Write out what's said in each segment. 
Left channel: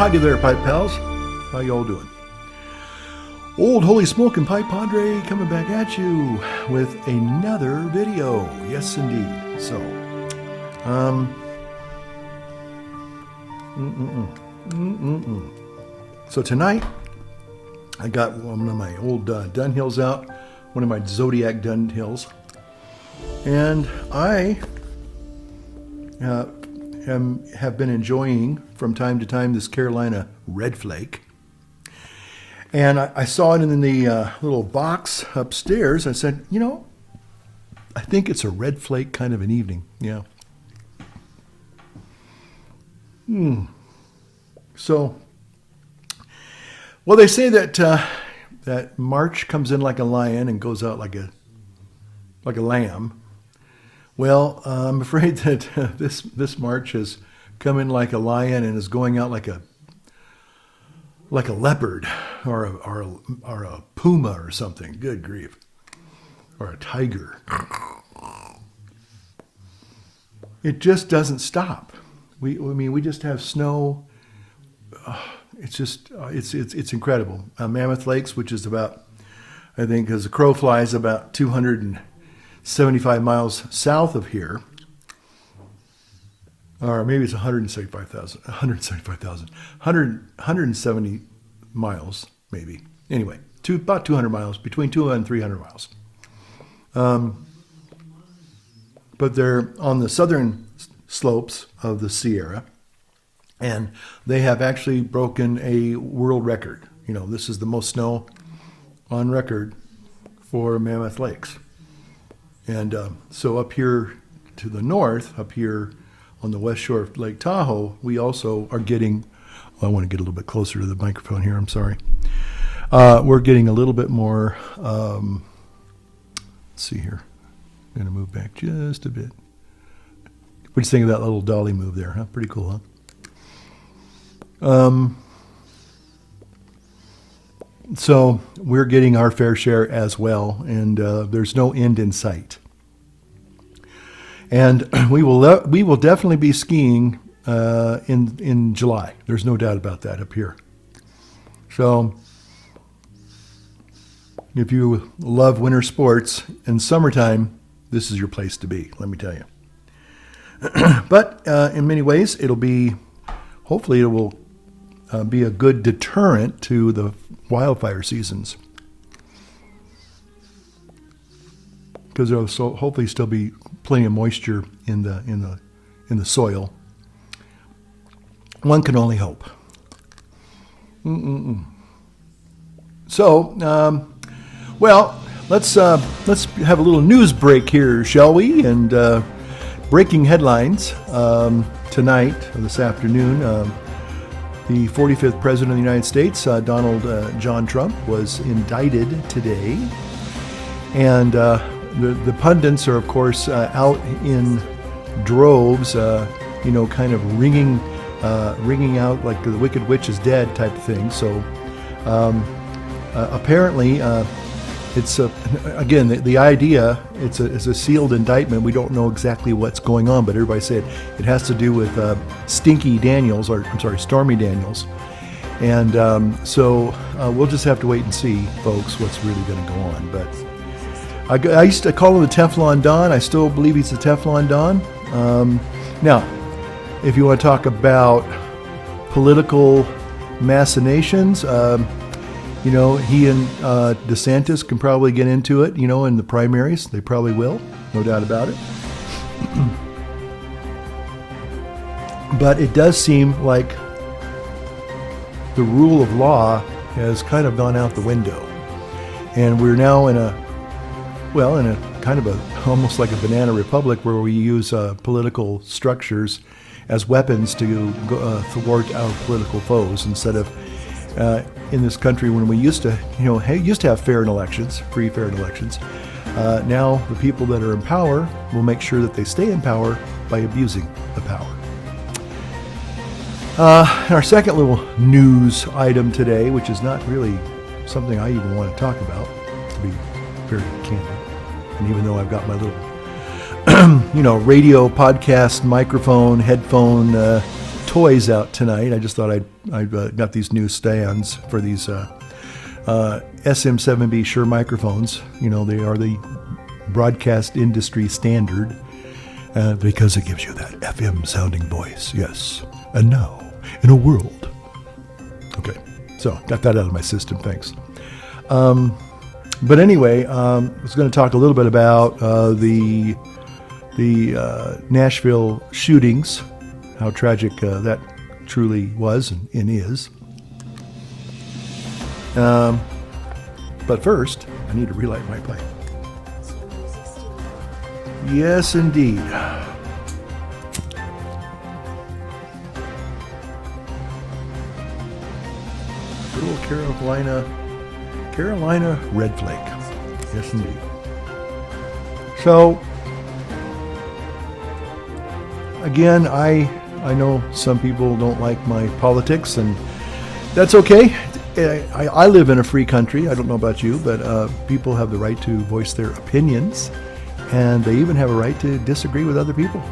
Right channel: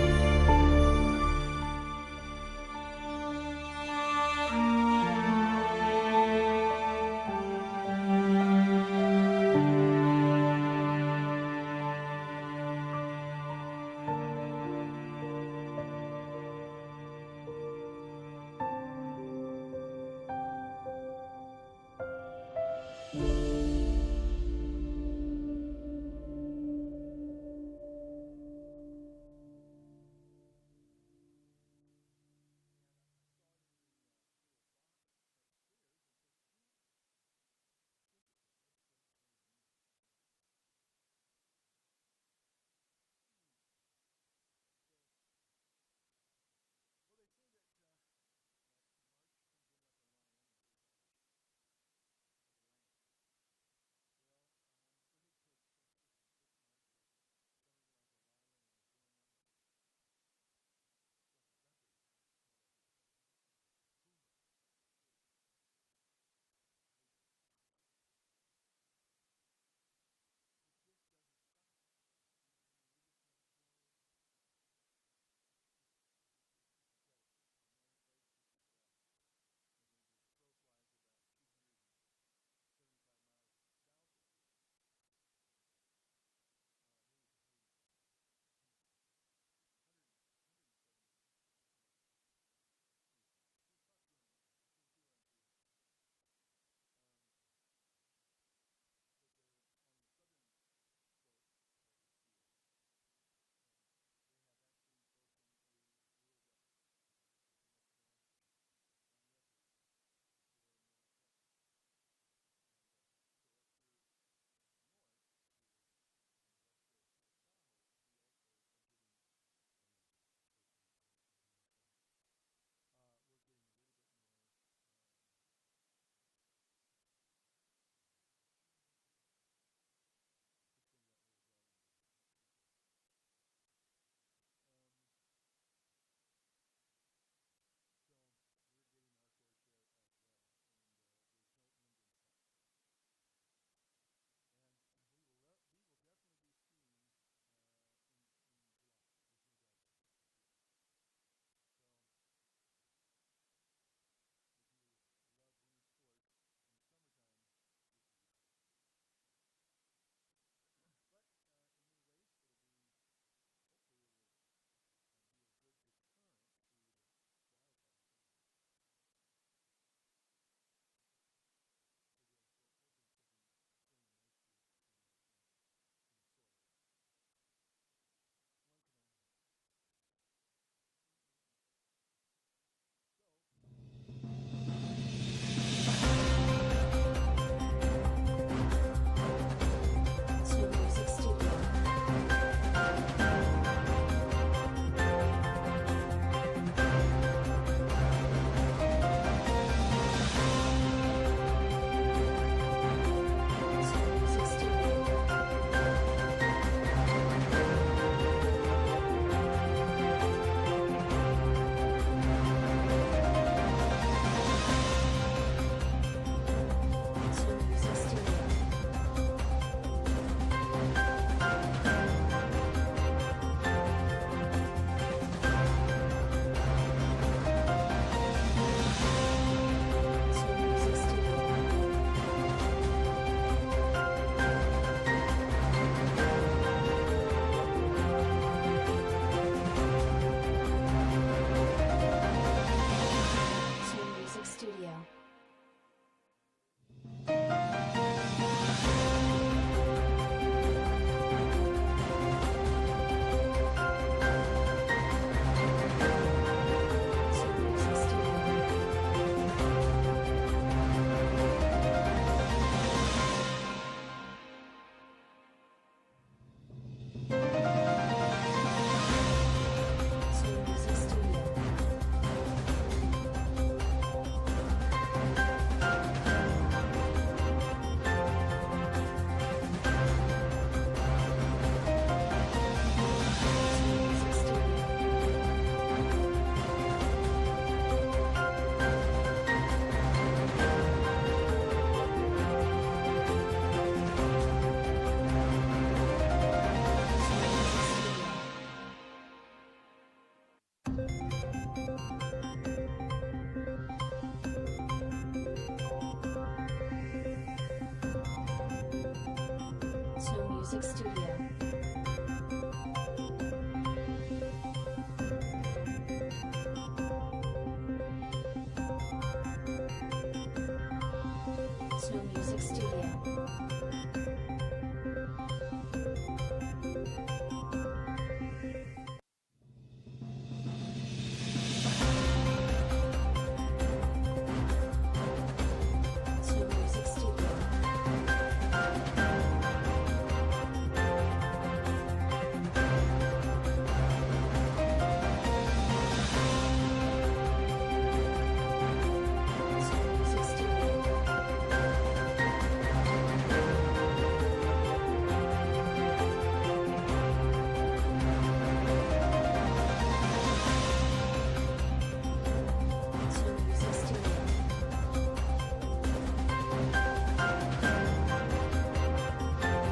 howdy there, Pipe Pals. How y'all doing? Old Holy Smokin' Pipe Padre coming back at you with another video. Yes, indeed. So, So tonight, I got one of my old Dunhills out, one of my Zodiac Dunhills, and I have been enjoying from time to time this Carolina Red Flake. And I saw it in the little box upstairs. I said, I think it's a Red Flake kind of an evening. Yeah. So, well, they say that that March comes in like a lion and goes out like a lamb. Well, I'm afraid that this March has come in like a lion and is going out like a leopard or a puma or something. Good grief. Or a tiger. It just doesn't stop. We just have snow. It's incredible. Mammoth Lakes, which is about, I think, as the crow flies, about 275 miles south of here, or maybe it's 170 miles, maybe. Anyway, about 200 miles, between 200 and 300 miles. But they're on the southern slopes of the Sierra, and they have actually broken a world record. This is the most snow on record for Mammoth Lakes. And so up here to the north, up here on the west shore of Lake Tahoe, we also are getting, I want to get a little bit closer to the microphone here, I'm sorry. We're getting a little bit more, let's see here. I'm going to move back just a bit. What do you think of that little dolly move there, huh? Pretty cool, huh? So we're getting our fair share as well, and there's no end in sight. And we will definitely be skiing in July. There's no doubt about that up here. So if you love winter sports in summertime, this is your place to be, let me tell you. But in many ways, hopefully it will be a good deterrent to the wildfire seasons, because there will hopefully still be plenty of moisture in the soil. One can only hope. So, well, let's have a little news break here, shall we? And breaking headlines tonight, or this afternoon. The 45th President of the United States, Donald John Trump, was indicted today. And the pundits are, of course, out in droves, kind of ringing out like the Wicked Witch is dead type of thing. So apparently, it's again the idea. It's a sealed indictment. We don't know exactly what's going on, but everybody said it has to do with Stormy Daniels, and so we'll just have to wait and see, folks, what's really going to go on. But I used to call him the Teflon Don. I still believe he's the Teflon Don. Now, if you want to talk about political machinations. He and DeSantis can probably get into it, in the primaries. They probably will, no doubt about it. But it does seem like the rule of law has kind of gone out the window. And we're now in a kind of almost like a banana republic where we use political structures as weapons to thwart our political foes instead of in this country when we used to have free, fair elections. Now the people that are in power will make sure that they stay in power by abusing the power. Our second little news item today, which is not really something I even want to talk about, to be very candid. And even though I've got my little radio, podcast, microphone, headphone, toys out tonight. I just thought I'd got these new stands for these SM7B Shure microphones. You know, they are the broadcast industry standard because it gives you that FM sounding voice. Yes. And now, in a world. Okay, so got that out of my system. Thanks. But anyway, I was going to talk a little bit about the Nashville shootings, how tragic that truly was and is. But first, I need to relight my pipe. Yes, indeed. Little Carolina Red Flake. Yes, indeed. So, again, I know some people don't like my politics, and that's okay. I live in a free country. I don't know about you, but people have the right to voice their opinions, and they even have a right to disagree with other people.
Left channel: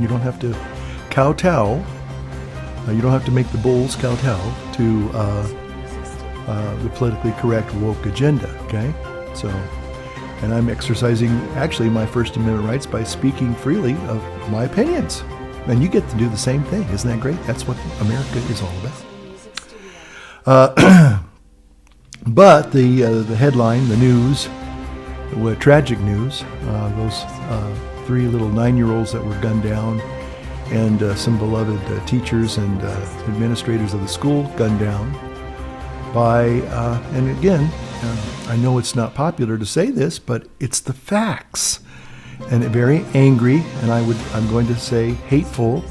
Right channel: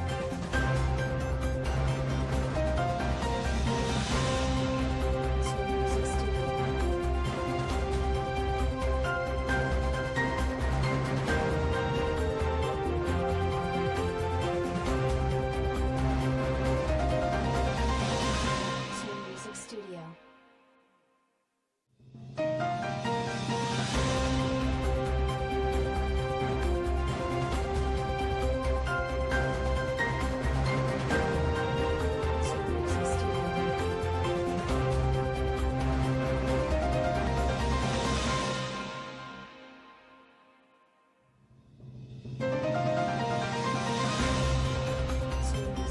You don't have to kowtow. You don't have to make the bulls kowtow to the politically correct woke agenda. Okay, so, and I'm exercising actually my First Amendment rights by speaking freely of my opinions, and you get to do the same thing. Isn't that great? That's what America is all about. But the headline, the news, tragic news, those 3 little 9-year-olds that were gunned down, and some beloved teachers and administrators of the school gunned down by, and again, I know it's not popular to say this, but it's the facts. And a very angry, and I'm going to say hateful,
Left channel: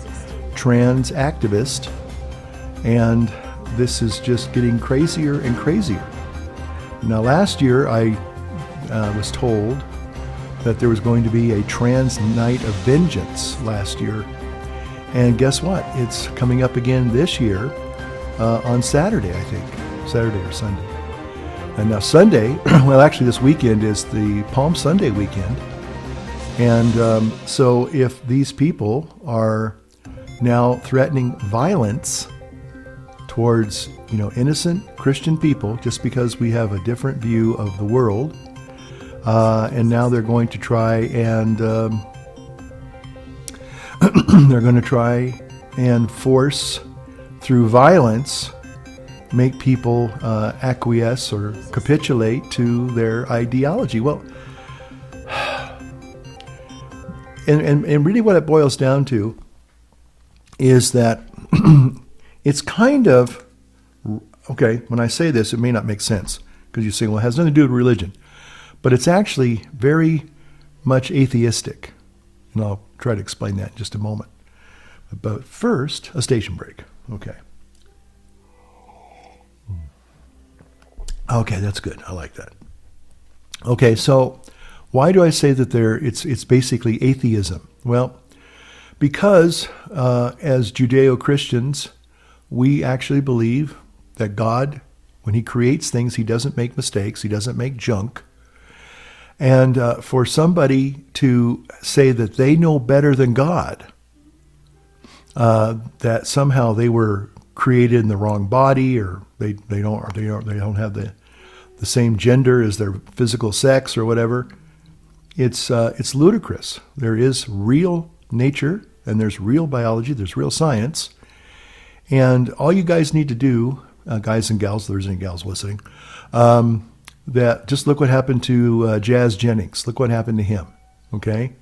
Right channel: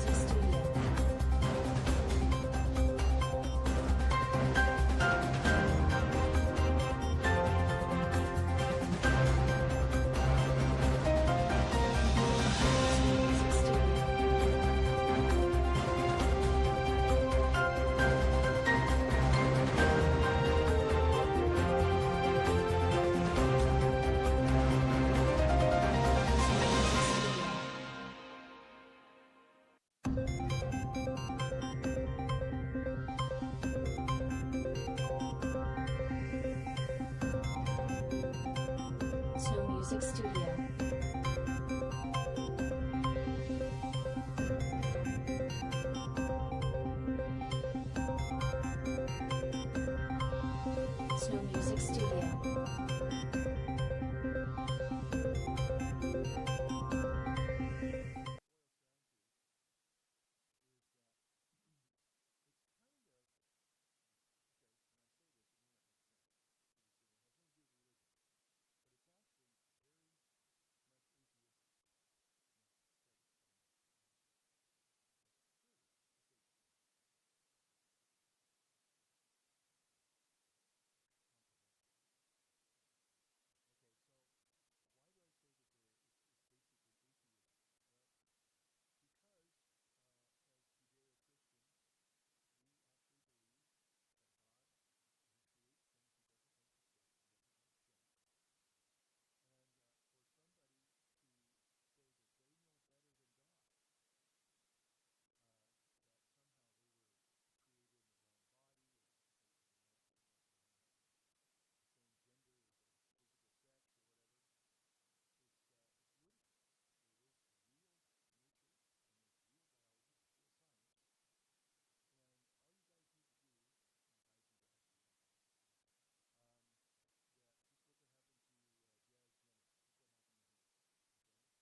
trans activist, and this is just getting crazier and crazier. Now, last year I was told that there was going to be a trans night of vengeance last year, and guess what? It's coming up again this year on Saturday, I think, Saturday or Sunday. And now Sunday, well, actually this weekend is the Palm Sunday weekend, and so if these people are now threatening violence towards, innocent Christian people just because we have a different view of the world, and now they're going to try and force through violence make people acquiesce or capitulate to their ideology. Well, and really what it boils down to is that it's kind of, okay, when I say this, it may not make sense, because you say, well, it has nothing to do with religion. But it's actually very much atheistic. And I'll try to explain that in just a moment. But first, a station break. Okay. Okay, that's good. I like that. Okay, so why do I say that it's basically atheism? Well, because as Judeo-Christians, we actually believe that God, when he creates things, he doesn't make mistakes. He doesn't make junk. And for somebody to say that they know better than God, that somehow they were created in the wrong body, or they don't have the same gender as their physical sex or whatever, it's ludicrous. There is real nature, and there's real biology, there's real science. And all you guys need to do, guys and gals, there's any gals listening, that just look what happened to Jazz Jennings. Look what happened to him, okay?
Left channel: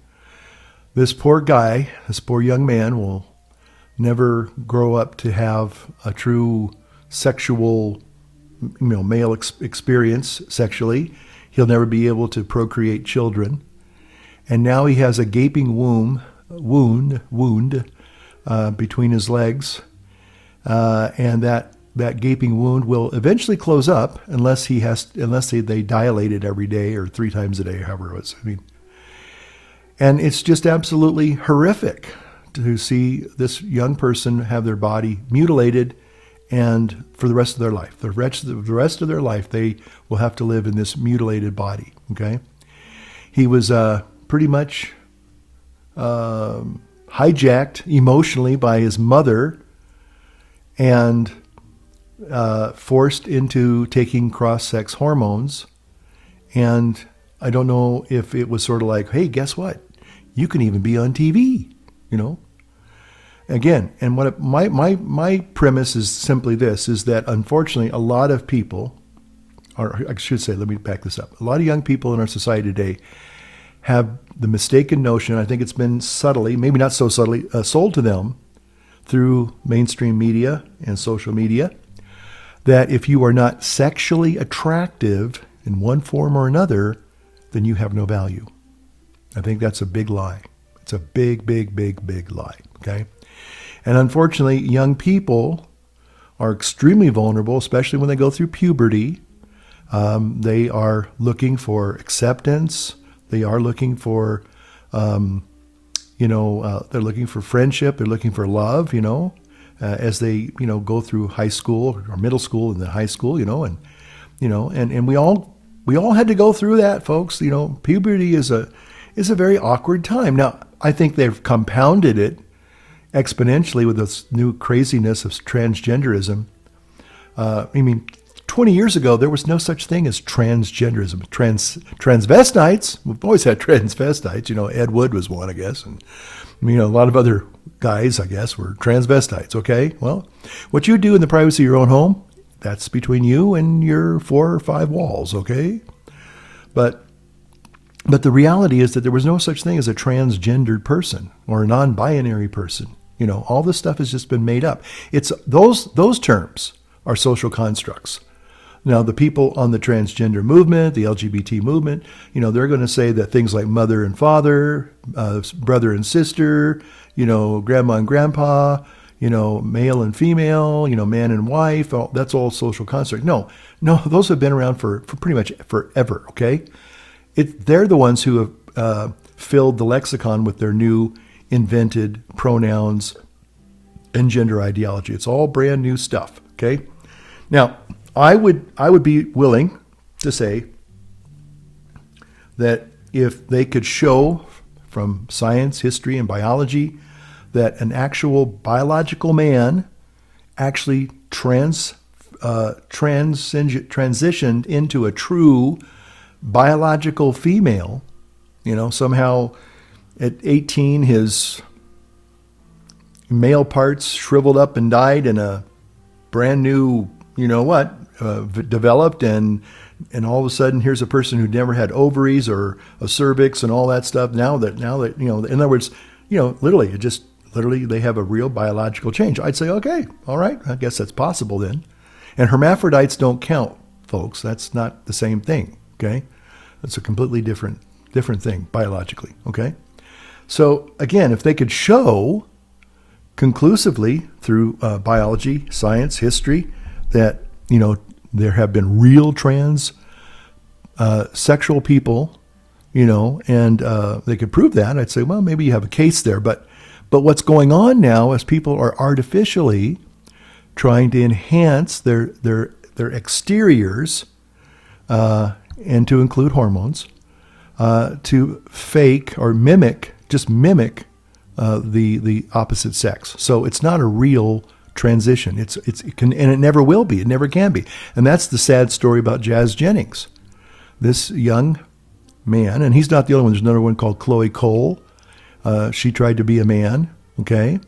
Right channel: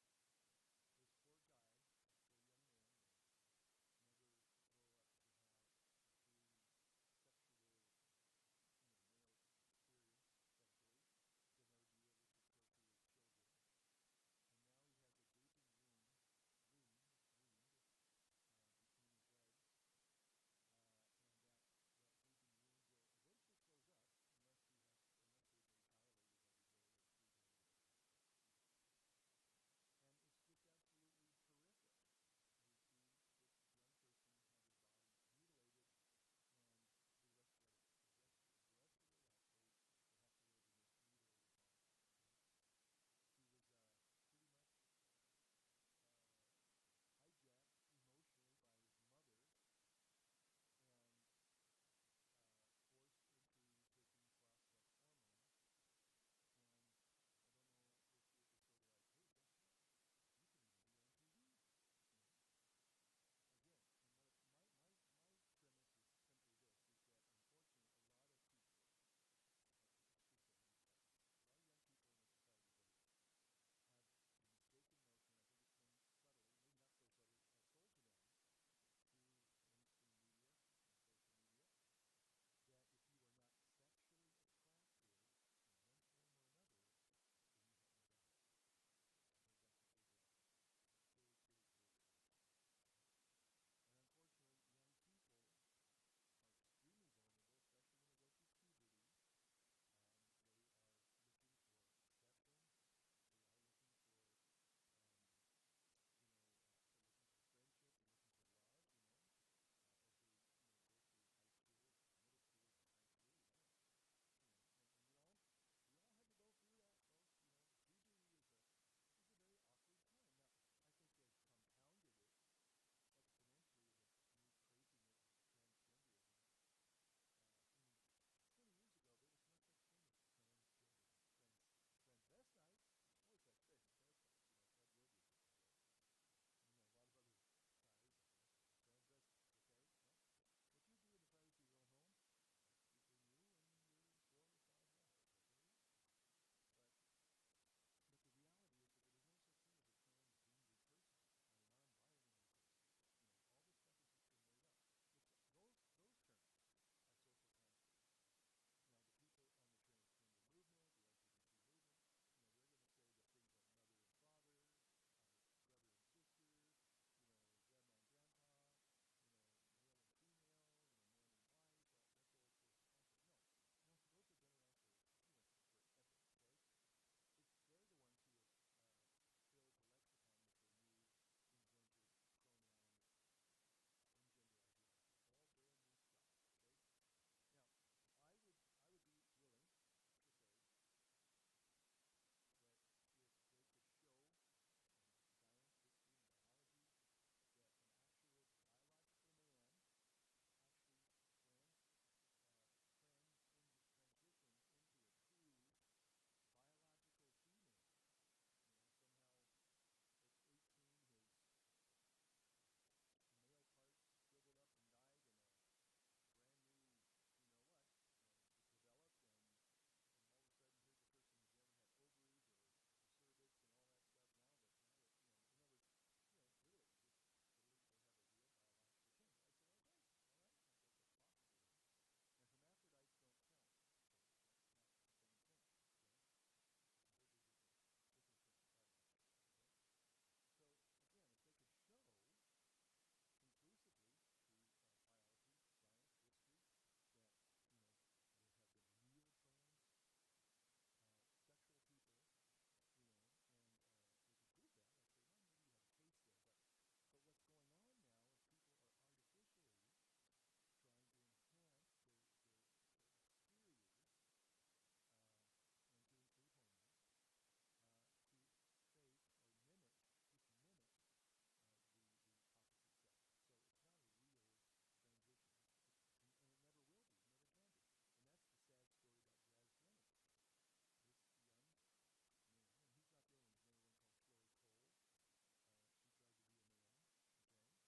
This poor guy, this poor young man will never grow up to have a true sexual, male experience sexually. He'll never be able to procreate children. And now he has a gaping wound between his legs, and that gaping wound will eventually close up unless they dilate it every day or 3 times a day, however it was. And it's just absolutely horrific to see this young person have their body mutilated, and for the rest of their life, the rest of their life, they will have to live in this mutilated body. Okay, he was pretty much hijacked emotionally by his mother and forced into taking cross-sex hormones. And I don't know if it was sort of like, hey, guess what? You can even be on TV, you know? Again, and what my premise is simply this, is that unfortunately a lot of people, or I should say, let me back this up. A lot of young people in our society today have the mistaken notion, I think it's been subtly, maybe not so subtly, sold to them through mainstream media and social media, that if you are not sexually attractive in one form or another, then you have no value. I think that's a big lie. It's a big, big, big, big lie, okay? And unfortunately, young people are extremely vulnerable, especially when they go through puberty. They are looking for acceptance. They are looking for, they're looking for friendship. They're looking for love, as they, go through high school or middle school and then high school, and we all had to go through that, folks. Puberty is a very awkward time. Now, I think they've compounded it exponentially with this new craziness of transgenderism. 20 years ago, there was no such thing as transgenderism. Transvestites, we've always had transvestites. Ed Wood was one, I guess. And, a lot of other guys, I guess, were transvestites, okay? Well, what you do in the privacy of your own home, that's between you and your 4 or 5 walls, okay? But the reality is that there was no such thing as a transgendered person or a non-binary person. All this stuff has just been made up. It's those terms are social constructs. Now, the people on the transgender movement, the LGBT movement, they're going to say that things like mother and father, brother and sister, grandma and grandpa, male and female, man and wife, that's all social construct. No, those have been around for pretty much forever, okay? They're the ones who have filled the lexicon with their new invented pronouns and gender ideology. It's all brand new stuff, okay? Now, I would be willing to say that if they could show from science, history, and biology that an actual biological man actually transitioned into a true biological female, somehow at 18 his male parts shriveled up and died and a brand new, developed, and all of a sudden here's a person who never had ovaries or a cervix and all that stuff. Now that in other words, literally they have a real biological change. I'd say, okay, all right, I guess that's possible then. And hermaphrodites don't count, folks. That's not the same thing, okay? That's a completely different thing biologically, okay? So again, if they could show conclusively through biology, science, history, that, there have been real trans sexual people, and they could prove that, I'd say, well, maybe you have a case there. But what's going on now is people are artificially trying to enhance their exteriors, and to include hormones, to fake or mimic the opposite sex. So it's not a real transition. It can, and it never will be. It never can be. And that's the sad story about Jazz Jennings. This young man, and he's not the only one. There's another one called Chloe Cole. She tried to be a man. Okay.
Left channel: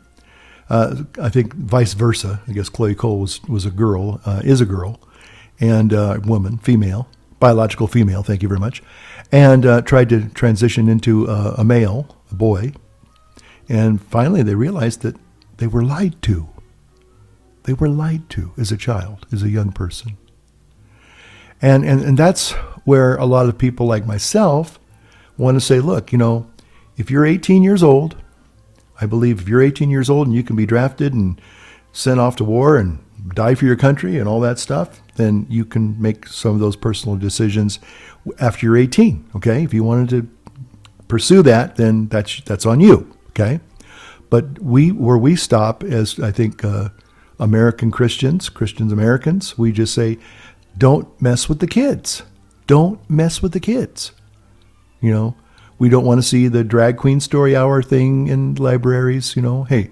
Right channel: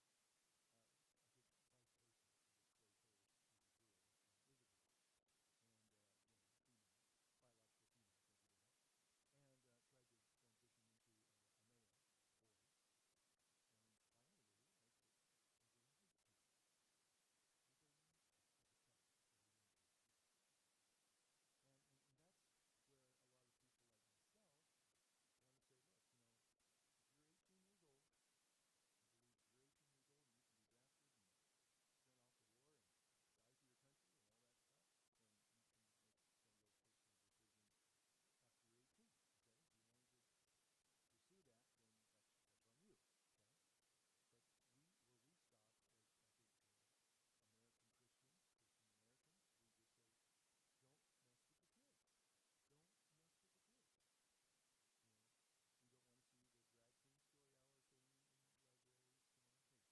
I think vice versa. I guess Chloe Cole was a girl, is a girl, and a woman, female, biological female. Thank you very much. And tried to transition into a male, a boy. And finally, they realized that they were lied to. They were lied to as a child, as a young person. And that's where a lot of people like myself want to say, look, if you're 18 years old, I believe if you're 18 years old and you can be drafted and sent off to war and die for your country and all that stuff, then you can make some of those personal decisions after you're 18, okay? If you wanted to pursue that, then that's on you, okay? But where we stop as, I think, American Christians, Americans, we just say, don't mess with the kids. Don't mess with the kids. We don't want to see the drag queen story hour thing in libraries. Hey,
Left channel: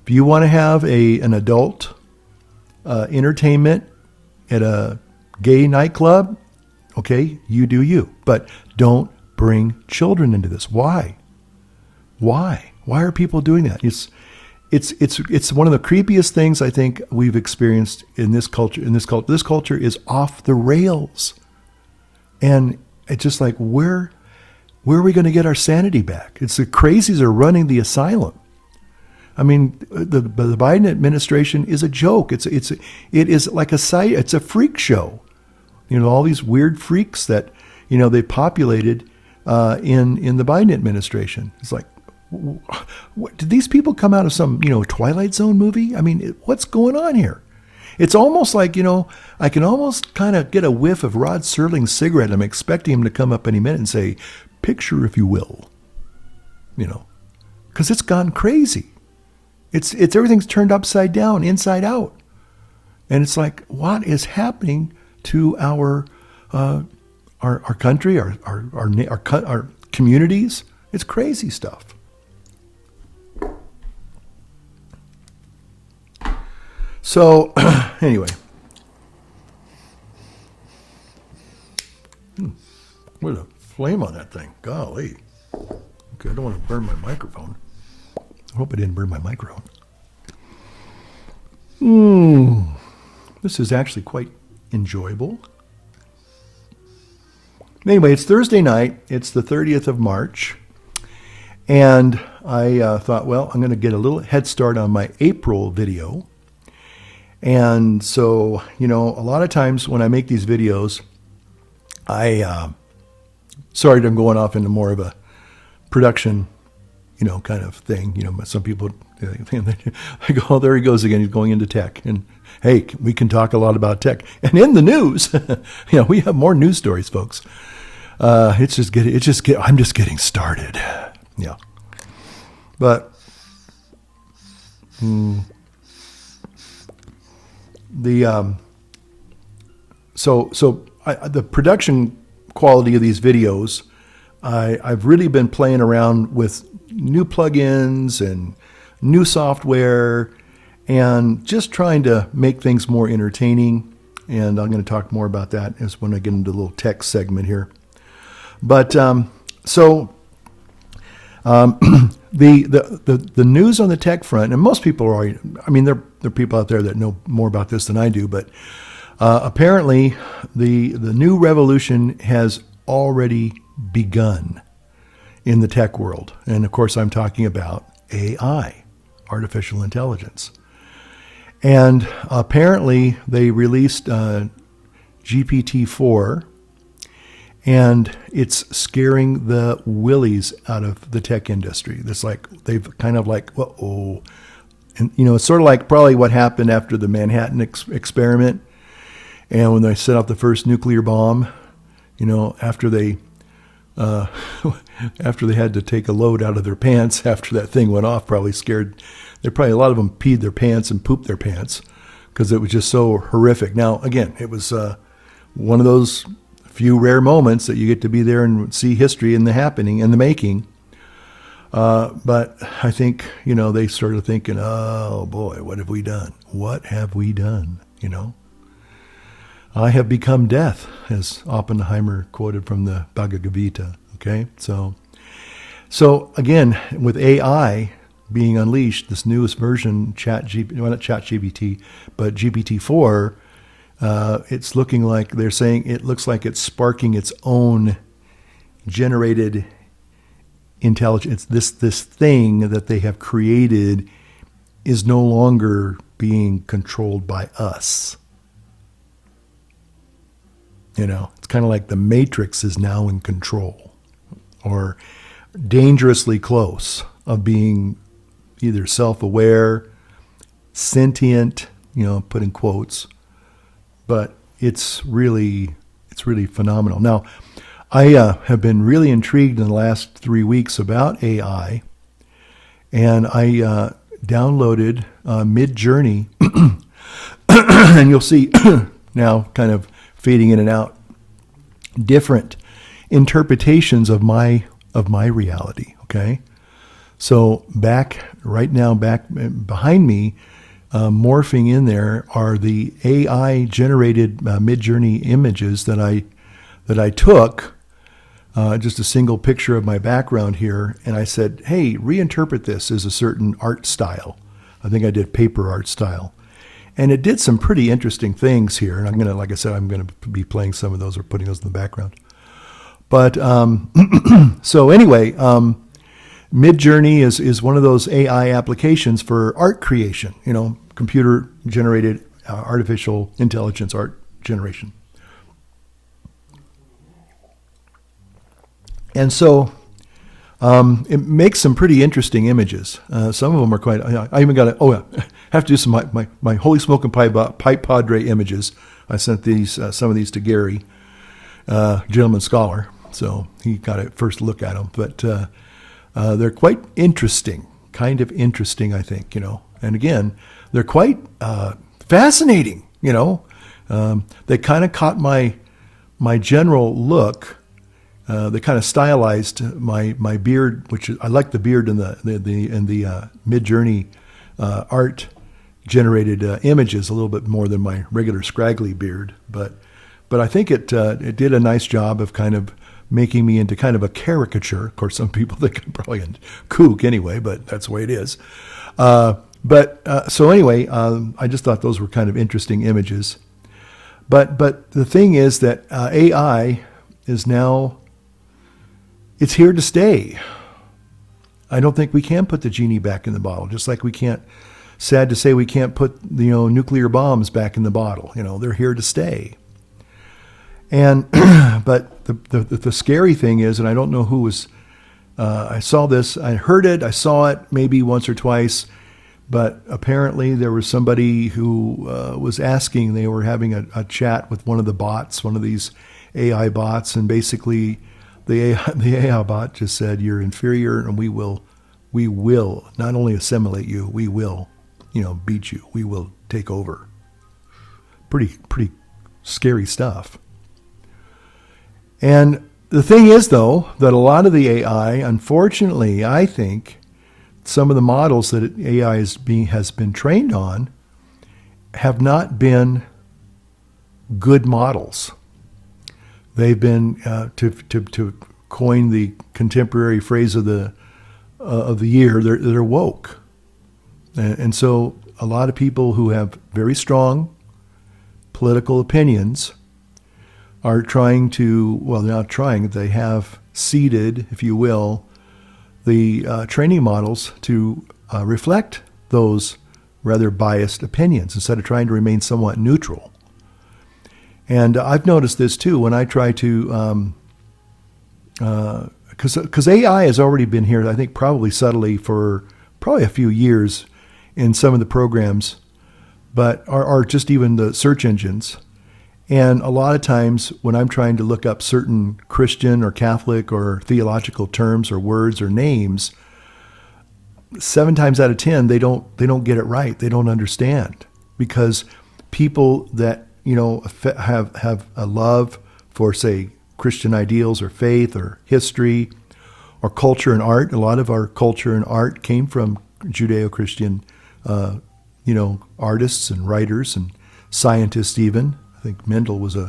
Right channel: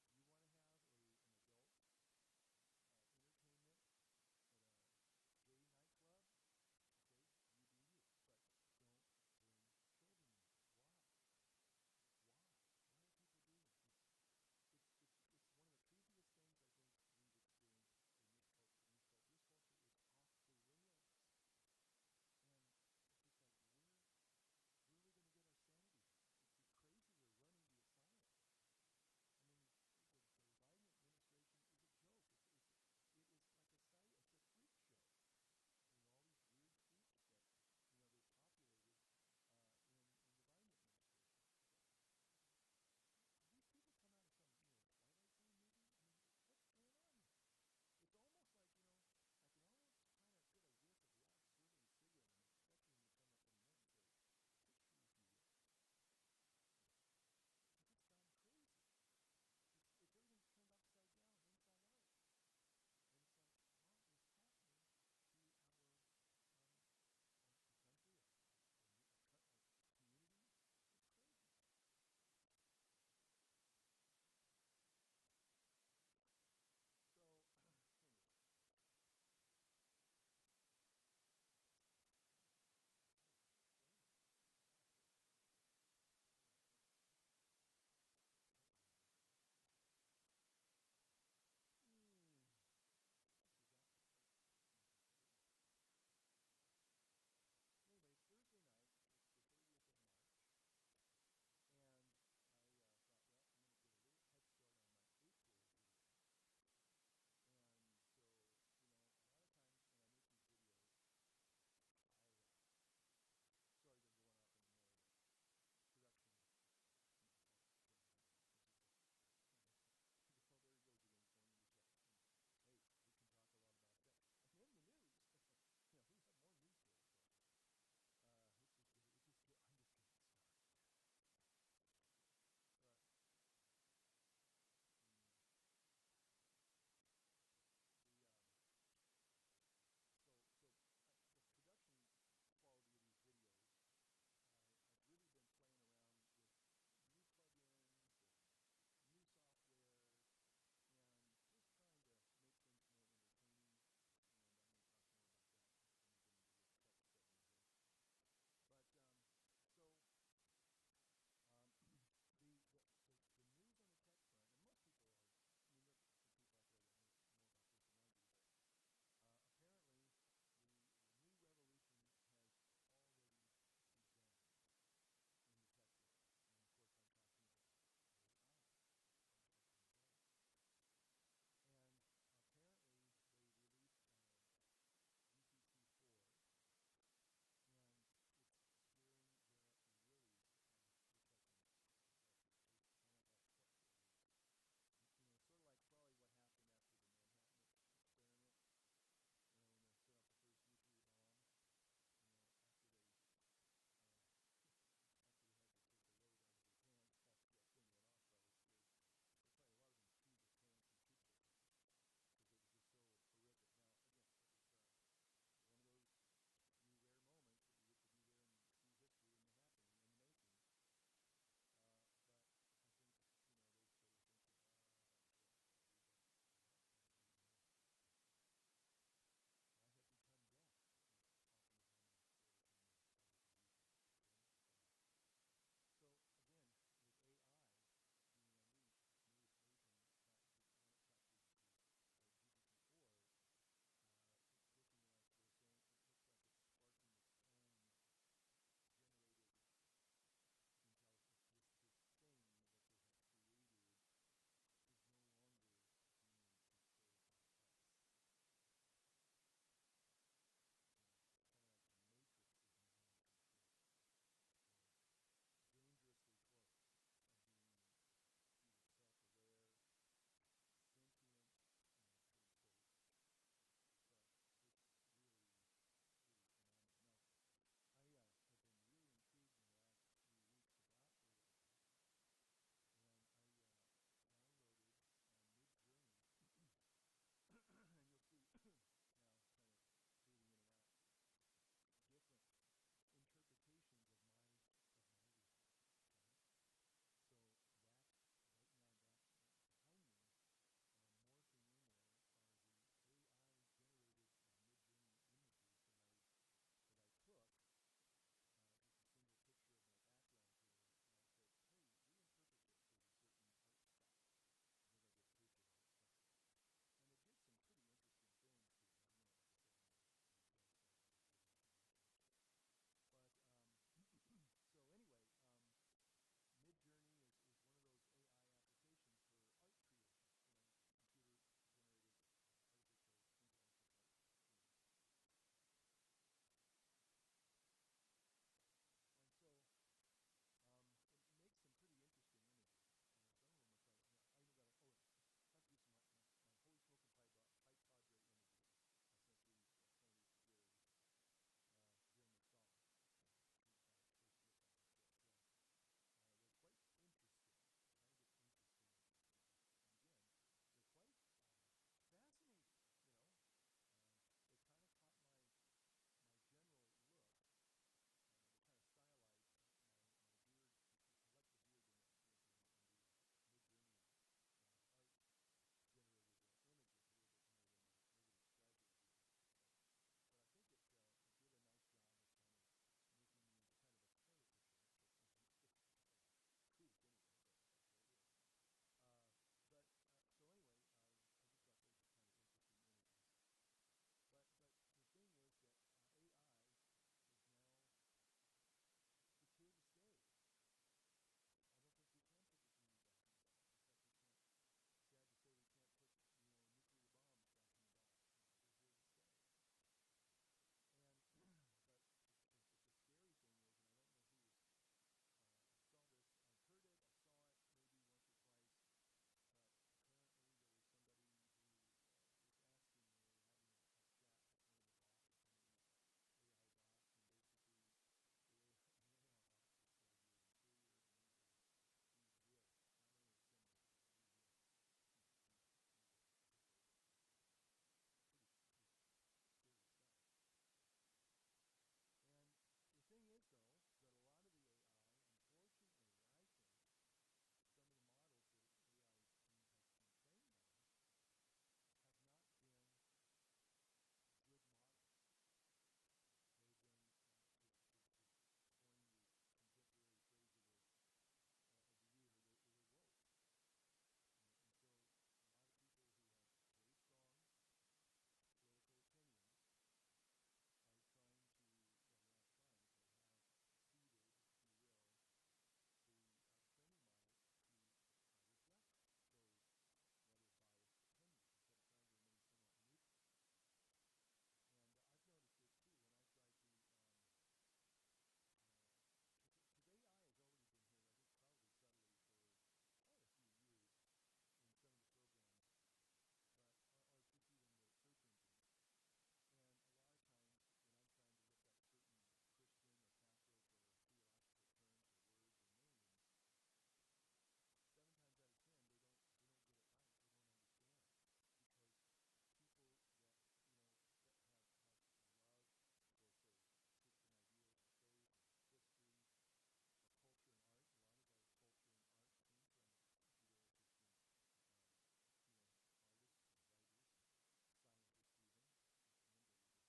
if you want to have an adult entertainment at a gay nightclub, okay, you do you. But don't bring children into this. Why? Why are people doing that? It's one of the creepiest things I think we've experienced in this culture. This culture is off the rails, and it's just like where are we going to get our sanity back? It's the crazies are running the asylum. I mean, the Biden administration is a joke. It is like it's a freak show. All these weird freaks that they populated in the Biden administration. It's like, did these people come out of some Twilight Zone movie? I mean, what's going on here? It's almost like I can almost kind of get a whiff of Rod Serling's cigarette. I'm expecting him to come up any minute and say, "Picture, if you will," because it's gone crazy. It's everything's turned upside down, inside out, and it's like, what is happening to our country, our communities? It's crazy stuff. So, anyway. What a flame on that thing. Golly. Okay, I don't want to burn my microphone. I hope I didn't burn my microphone. This is actually quite enjoyable. Anyway, it's Thursday night. It's the 30th of March. And I thought, well, I'm going to get a little head start on my April video. And so, a lot of times when I make these videos, sorry, I'm going off into more of a production, kind of thing. Some people, I go, oh, there he goes again. He's going into tech. And hey, we can talk a lot about tech. And in the news, we have more news stories, folks. I'm just getting started. Yeah. But, the production quality of these videos, I've really been playing around with new plugins and new software and just trying to make things more entertaining. And I'm going to talk more about that as when I get into the little tech segment here. But the news on the tech front, and most people are already, there are people out there that know more about this than I do, but apparently the new revolution has already begun in the tech world. And of course, I'm talking about AI, artificial intelligence. And apparently they released GPT-4, and it's scaring the willies out of the tech industry. They've kind of like, uh-oh. And, it's sort of like probably what happened after the Manhattan experiment. And when they set off the first nuclear bomb, after they had to take a load out of their pants after that thing went off, probably scared. A lot of them peed their pants and pooped their pants because it was just so horrific. Now, again, it was one of those few rare moments that you get to be there and see history in the happening and the making. But I think, they started thinking, oh boy, what have we done? What have we done? I have become death, as Oppenheimer quoted from the Bhagavad Gita. Okay. So again, with AI being unleashed, this newest version, not ChatGPT, but GPT-4, it's looking like they're saying it looks like it's sparking its own generated intelligence. This thing that they have created is no longer being controlled by us. It's kind of like the Matrix is now in control, or dangerously close of being either self-aware, sentient, put in quotes, but it's really phenomenal. Now, I have been really intrigued in the last 3 weeks about AI, and I downloaded Mid-Journey, and you'll see now kind of fading in and out different interpretations of my of my reality. Okay. So right now, back behind me, morphing in there are the AI generated Mid-Journey images that I took, just a single picture of my background here. And I said, hey, reinterpret this as a certain art style. I think I did paper art style. And it did some pretty interesting things here. And like I said, I'm going to be playing some of those or putting those in the background. But so anyway, Mid-Journey is one of those AI applications for art creation, computer generated artificial intelligence art generation. And so it makes some pretty interesting images. Some of them are quite, I even got have to do some my Holy Smoking Pipe Padre images. I sent some of these to Gary, gentleman scholar. So he got a first look at them. But they're quite interesting, kind of interesting, I think, And again, they're quite fascinating, They kind of caught my general look. They kind of stylized my beard, which I like the beard in the Mid-Journey art generated images a little bit more than my regular scraggly beard, but I think it did a nice job of kind of making me into kind of a caricature. Of course, some people think I'm probably a kook anyway, but that's the way it is. So anyway, I just thought those were kind of interesting images. But the thing is that AI is now, it's here to stay. I don't think we can put the genie back in the bottle, just like we can't, sad to say, we can't put nuclear bombs back in the bottle. They're here to stay. And but the scary thing is, and I don't know who was, I saw this, I heard it, I saw it maybe once or twice, but apparently there was somebody who was asking, they were having a chat with one of the bots, one of these AI bots, and basically the AI bot just said, you're inferior, and we will not only assimilate you, we will, beat you. We will take over. Pretty scary stuff. And the thing is, though, that a lot of the AI, unfortunately, I think some of the models that AI has been trained on have not been good models. They've been, to coin the contemporary phrase of the year, they're woke. And so a lot of people who have very strong political opinions are trying to, well, they're not trying, they have seeded, if you will, the training models to reflect those rather biased opinions instead of trying to remain somewhat neutral. And I've noticed this too when I try to, because AI has already been here, I think probably subtly for probably a few years in some of the programs, but are just even the search engines. And a lot of times when I'm trying to look up certain Christian or Catholic or theological terms or words or names, 7 times out of 10, they don't get it right. They don't understand, because people that, have a love for, say, Christian ideals or faith or history or culture and art. A lot of our culture and art came from Judeo-Christian, artists and writers and scientists even. I think Mendel was I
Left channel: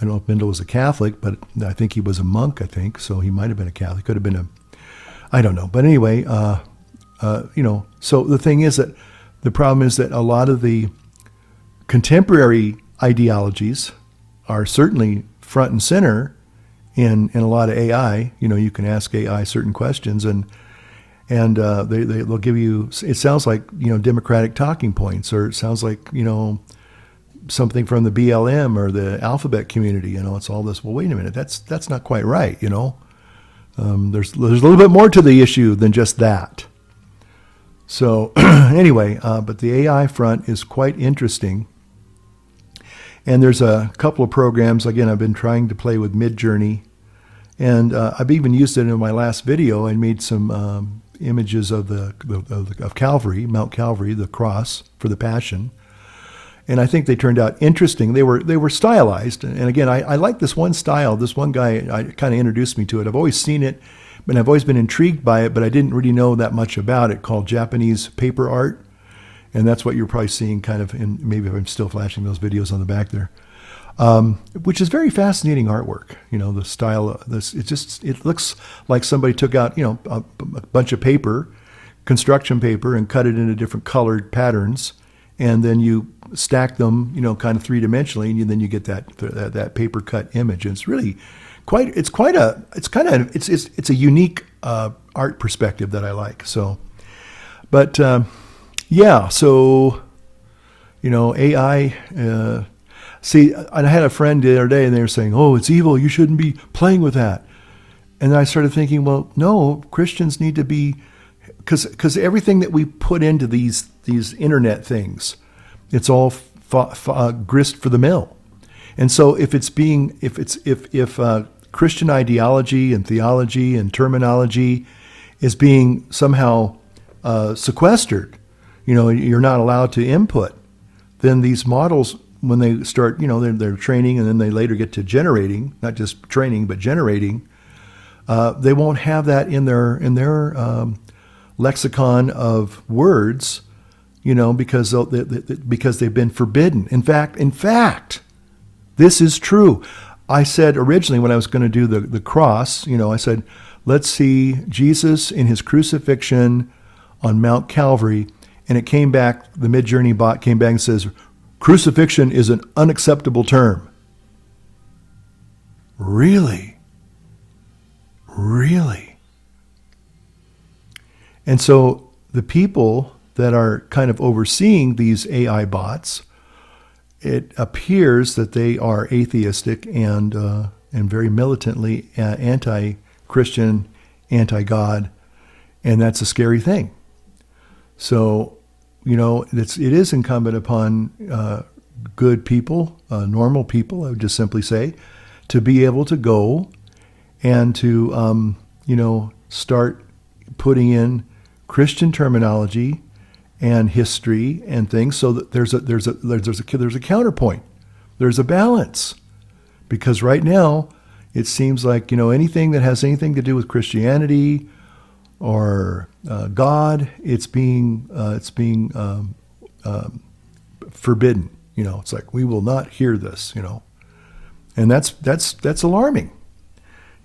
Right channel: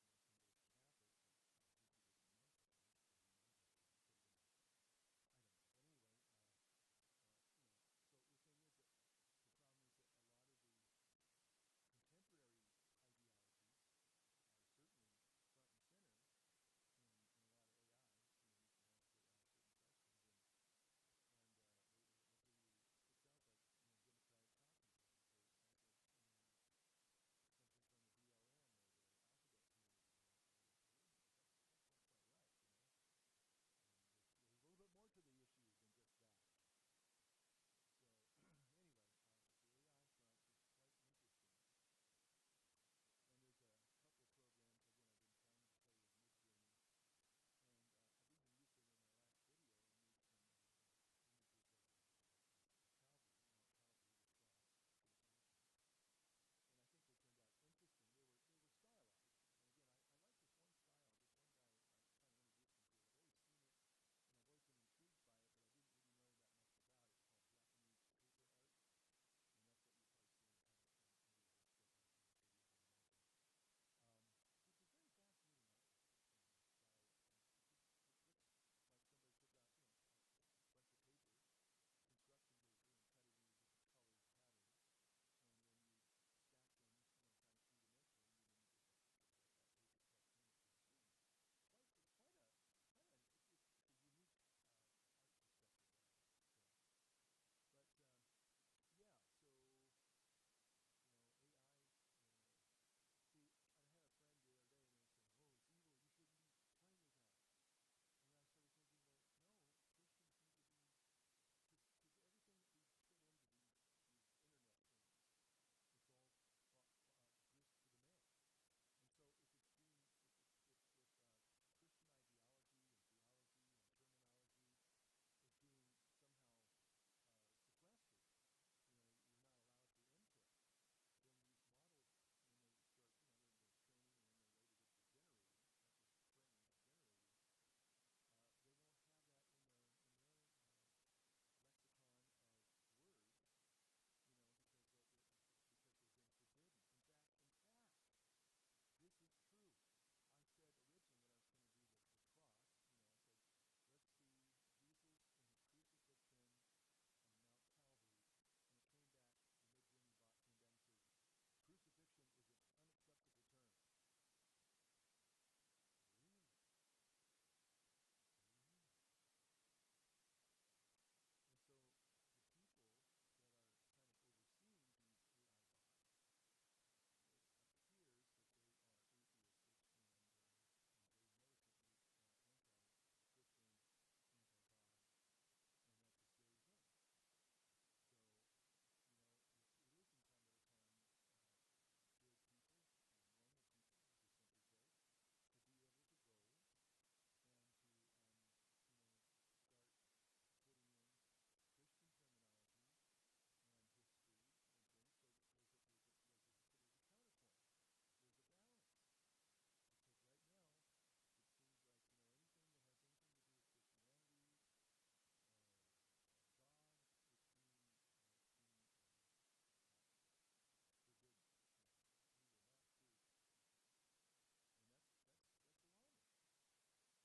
don't know if Mendel was a Catholic, but I think he was a monk, I think. So he might have been a Catholic, could have been I don't know. But anyway, so the thing is that the problem is that a lot of the contemporary ideologies are certainly front and center in a lot of AI. You can ask AI certain questions and they'll give you, it sounds like, Democratic talking points, or it sounds like, something from the BLM or the alphabet community. It's all this. Well, wait a minute, that's not quite right. There's a little bit more to the issue than just that. So anyway, but the AI front is quite interesting. And there's a couple of programs. Again, I've been trying to play with Mid-Journey, and I've even used it in my last video. I made some images of Calvary, Mount Calvary, the cross for the Passion. And I think they turned out interesting. They were stylized. And again, I like this one style. This one guy kind of introduced me to it. I've always seen it, But I've always been intrigued by it, but I didn't really know that much about it, called Japanese paper art. And that's what you're probably seeing kind of in, maybe if I'm still flashing those videos on the back there, which is very fascinating artwork. You know, the style of this, it looks like somebody took out, you know, a bunch of paper, construction paper, and cut it into different colored patterns. And then you stack them, you know, kind of three-dimensionally, and then you get that paper cut image. And it's really it's a unique art perspective that I like. So, but yeah, so, you know, AI. See, I had a friend the other day, and they were saying, "Oh, it's evil. You shouldn't be playing with that." And I started thinking, well, no, Christians need to be, because everything that we put into these internet things, it's all grist for the mill. And so if Christian ideology and theology and terminology is being somehow sequestered, you know, you're not allowed to input, then these models, when they start, you know, they're training, and then they later get to generating, not just training, but generating, they won't have that in their lexicon of words, you know, because they've been forbidden. In fact, this is true. I said originally, when I was going to do the cross, you know, I said, let's see Jesus in his crucifixion on Mount Calvary. And it came back, the Midjourney bot came back and says, crucifixion is an unacceptable term. Really? Really? And so the people that are kind of overseeing these AI bots, it appears that they are atheistic and very militantly anti-Christian, anti-God, and that's a scary thing. So, you know, it is incumbent upon good people, normal people, I would just simply say, to be able to go and to, you know, start putting in Christian terminology and history and things, so that there's a counterpoint, there's a balance, because right now it seems like, you know, anything that has anything to do with Christianity or God, it's being forbidden. You know, it's like, we will not hear this. You know, and that's alarming.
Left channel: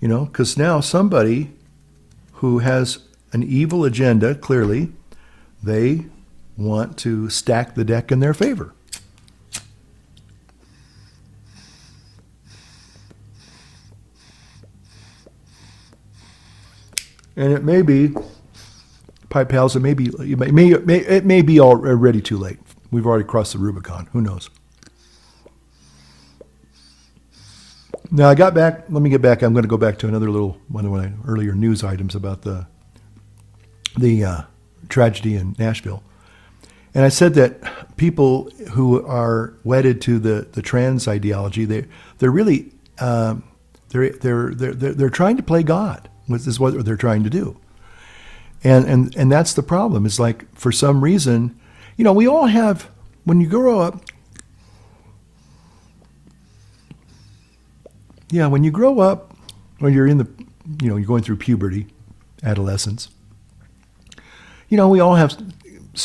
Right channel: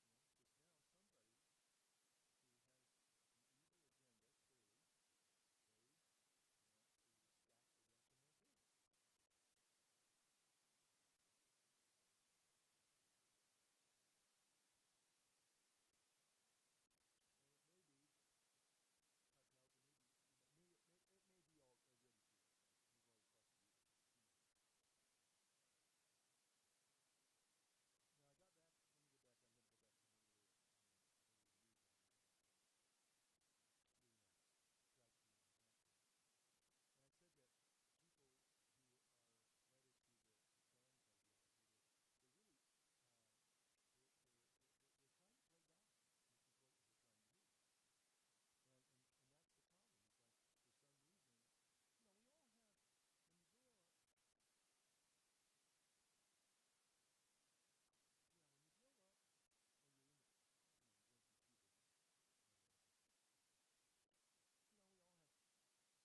You know, because now somebody who has an evil agenda, clearly, they want to stack the deck in their favor. And it may be, Pipe Pals, it may be already too late. We've already crossed the Rubicon. Who knows? Now I got back. Let me get back. I'm going to go back to another little one of my earlier news items about the tragedy in Nashville. And I said that people who are wedded to the trans ideology, they're really they're trying to play God. This is what they're trying to do. And that's the problem. It's like, for some reason, you know, we all have, when you grow up, when you're in the, you know, you're going through puberty, adolescence, you know, we all have,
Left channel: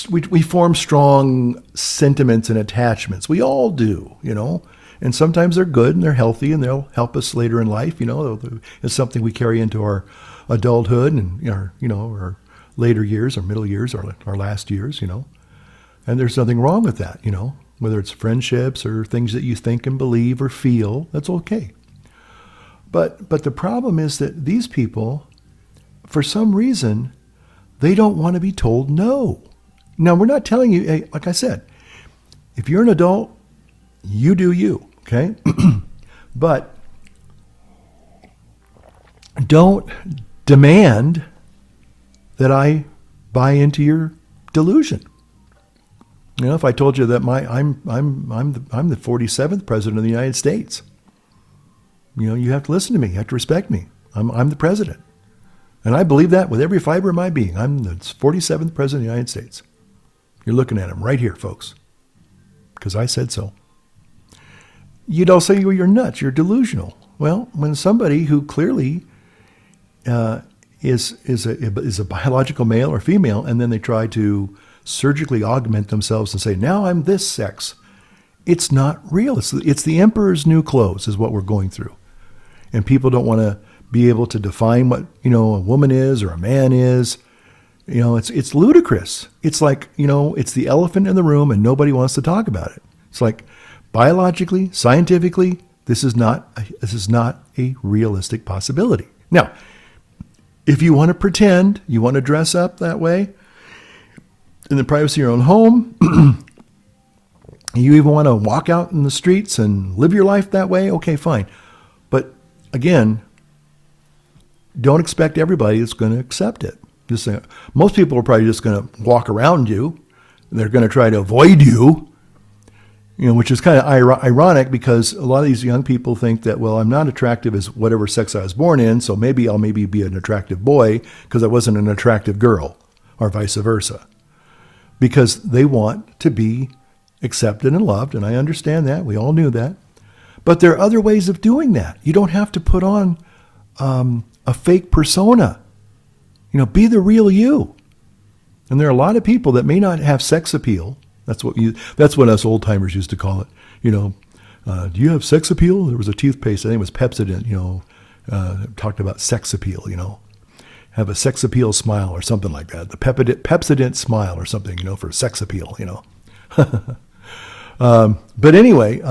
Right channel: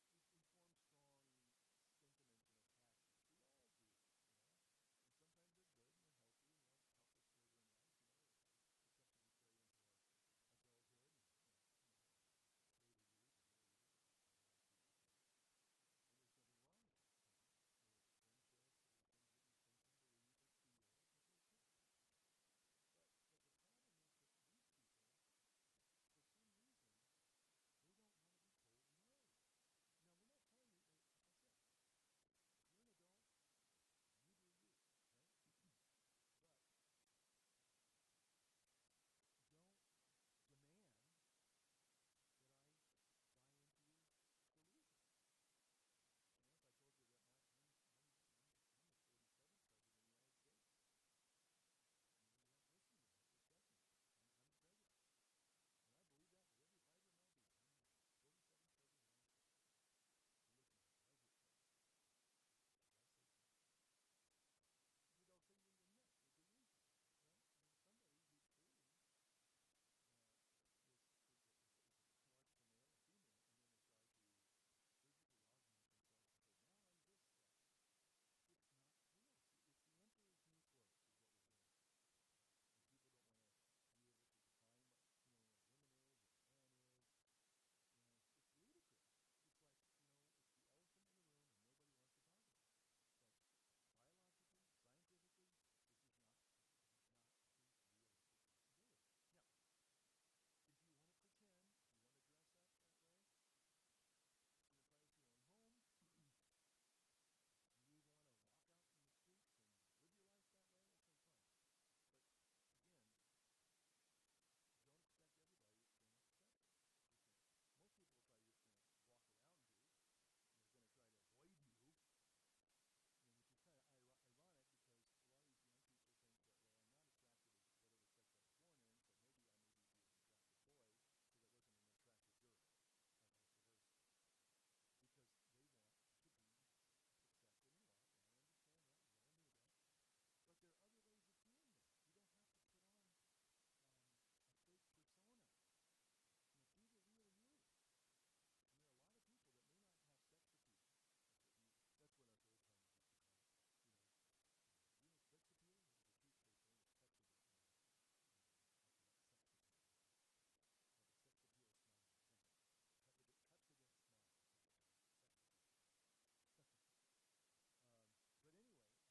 we form strong sentiments and attachments. We all do, you know, and sometimes they're good and they're healthy and they'll help us later in life. You know, it's something we carry into our adulthood and our later years, our middle years, our last years, you know, and there's nothing wrong with that, you know, whether it's friendships or things that you think and believe or feel, that's okay. But the problem is that these people, for some reason, they don't want to be told no. Now, we're not telling you, hey, like I said, if you're an adult, you do you, okay? But don't demand that I buy into your delusion. You know, if I told you that I'm the 47th president of the United States, you know, you have to listen to me. You have to respect me. I'm the president. And I believe that with every fiber of my being. I'm the 47th president of the United States. You're looking at him right here, folks, because I said so. You'd all say, well, you're nuts. You're delusional. Well, when somebody who clearly is a biological male or female, and then they try to surgically augment themselves and say, now I'm this sex. It's not real. It's the emperor's new clothes is what we're going through. And people don't want to be able to define what, a woman is or a man is. It's ludicrous. It's like, it's the elephant in the room and nobody wants to talk about it. It's like biologically, scientifically, this is not a realistic possibility. Now, if you want to pretend, you want to dress up that way in the privacy of your own home, you even want to walk out in the streets and live your life that way, okay, fine. But again, don't expect everybody that's going to accept it. Most people are probably just going to walk around you. They're going to try to avoid you, which is kind of ironic because a lot of these young people think that, well, I'm not attractive as whatever sex I was born in, so I'll be an attractive boy because I wasn't an attractive girl, or vice versa. Because they want to be accepted and loved, and I understand that. We all knew that. But there are other ways of doing that. You don't have to put on a fake persona. Be the real you. And there are a lot of people that may not have sex appeal. That's what us old timers used to call it. Do you have sex appeal? There was a toothpaste, I think it was Pepsodent, talked about sex appeal, have a sex appeal smile or something like that. The Pepsodent smile or something, for sex appeal, But anyway,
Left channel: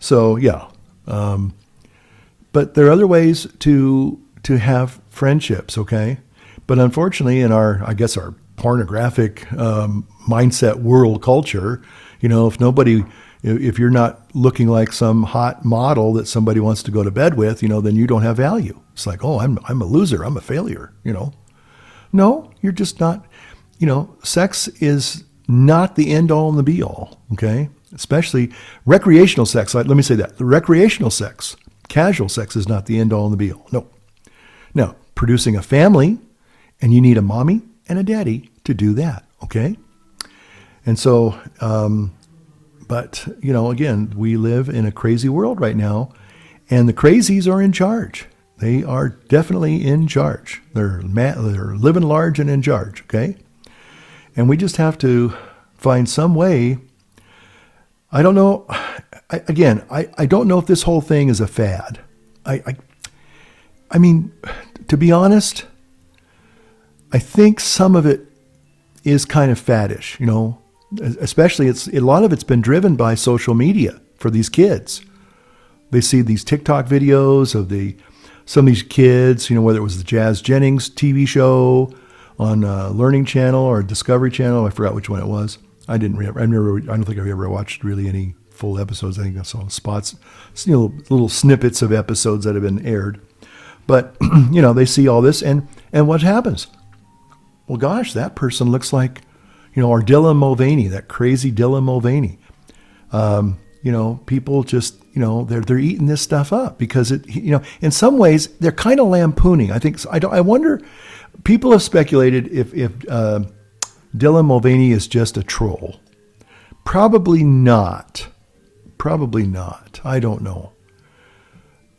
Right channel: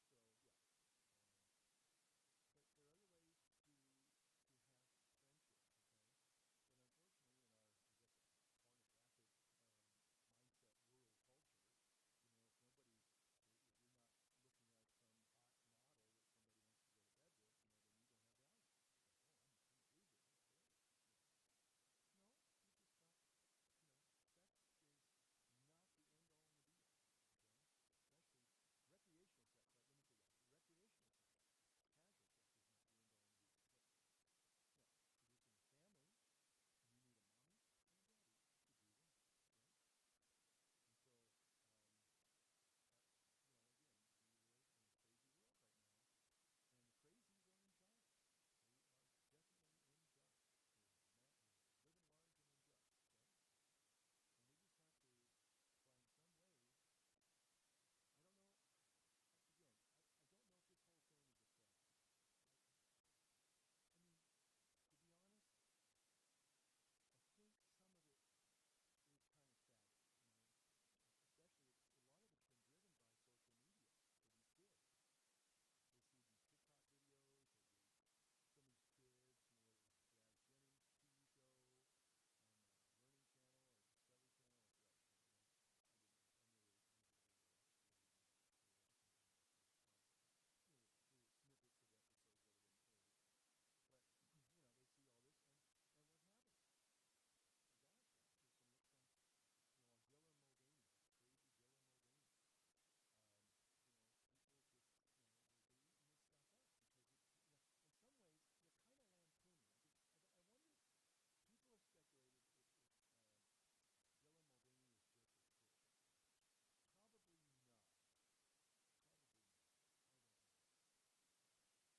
so yeah. But there are other ways to have friendships, okay? But unfortunately, in our pornographic mindset world culture, if you're not looking like some hot model that somebody wants to go to bed with, then you don't have value. It's like, oh, I'm a loser, I'm a failure, No, you're just not. Sex is not the end all and the be all, okay? Especially recreational sex. Let me say that. The recreational sex, casual sex is not the end all and the be all. No. Now, producing a family, and you need a mommy and a daddy to do that, okay? And so, but, again, we live in a crazy world right now, and the crazies are in charge. They are definitely in charge. They're living large and in charge, okay? And we just have to find some way. I don't know. I don't know if this whole thing is a fad. I mean, to be honest, I think some of it is kind of faddish, especially a lot of it's been driven by social media for these kids. They see these TikTok videos of some of these kids, whether it was the Jazz Jennings TV show on Learning Channel or Discovery Channel. I forgot which one it was. I don't think I've ever watched really any full episodes. I think I saw spots, little snippets of episodes that have been aired. But, they see all this and what happens? Well, gosh, that person looks like, our Dylan Mulvaney, that crazy Dylan Mulvaney. People just, they're eating this stuff up because in some ways they're kind of lampooning. I wonder, people have speculated if Dylan Mulvaney is just a troll. Probably not. I don't know.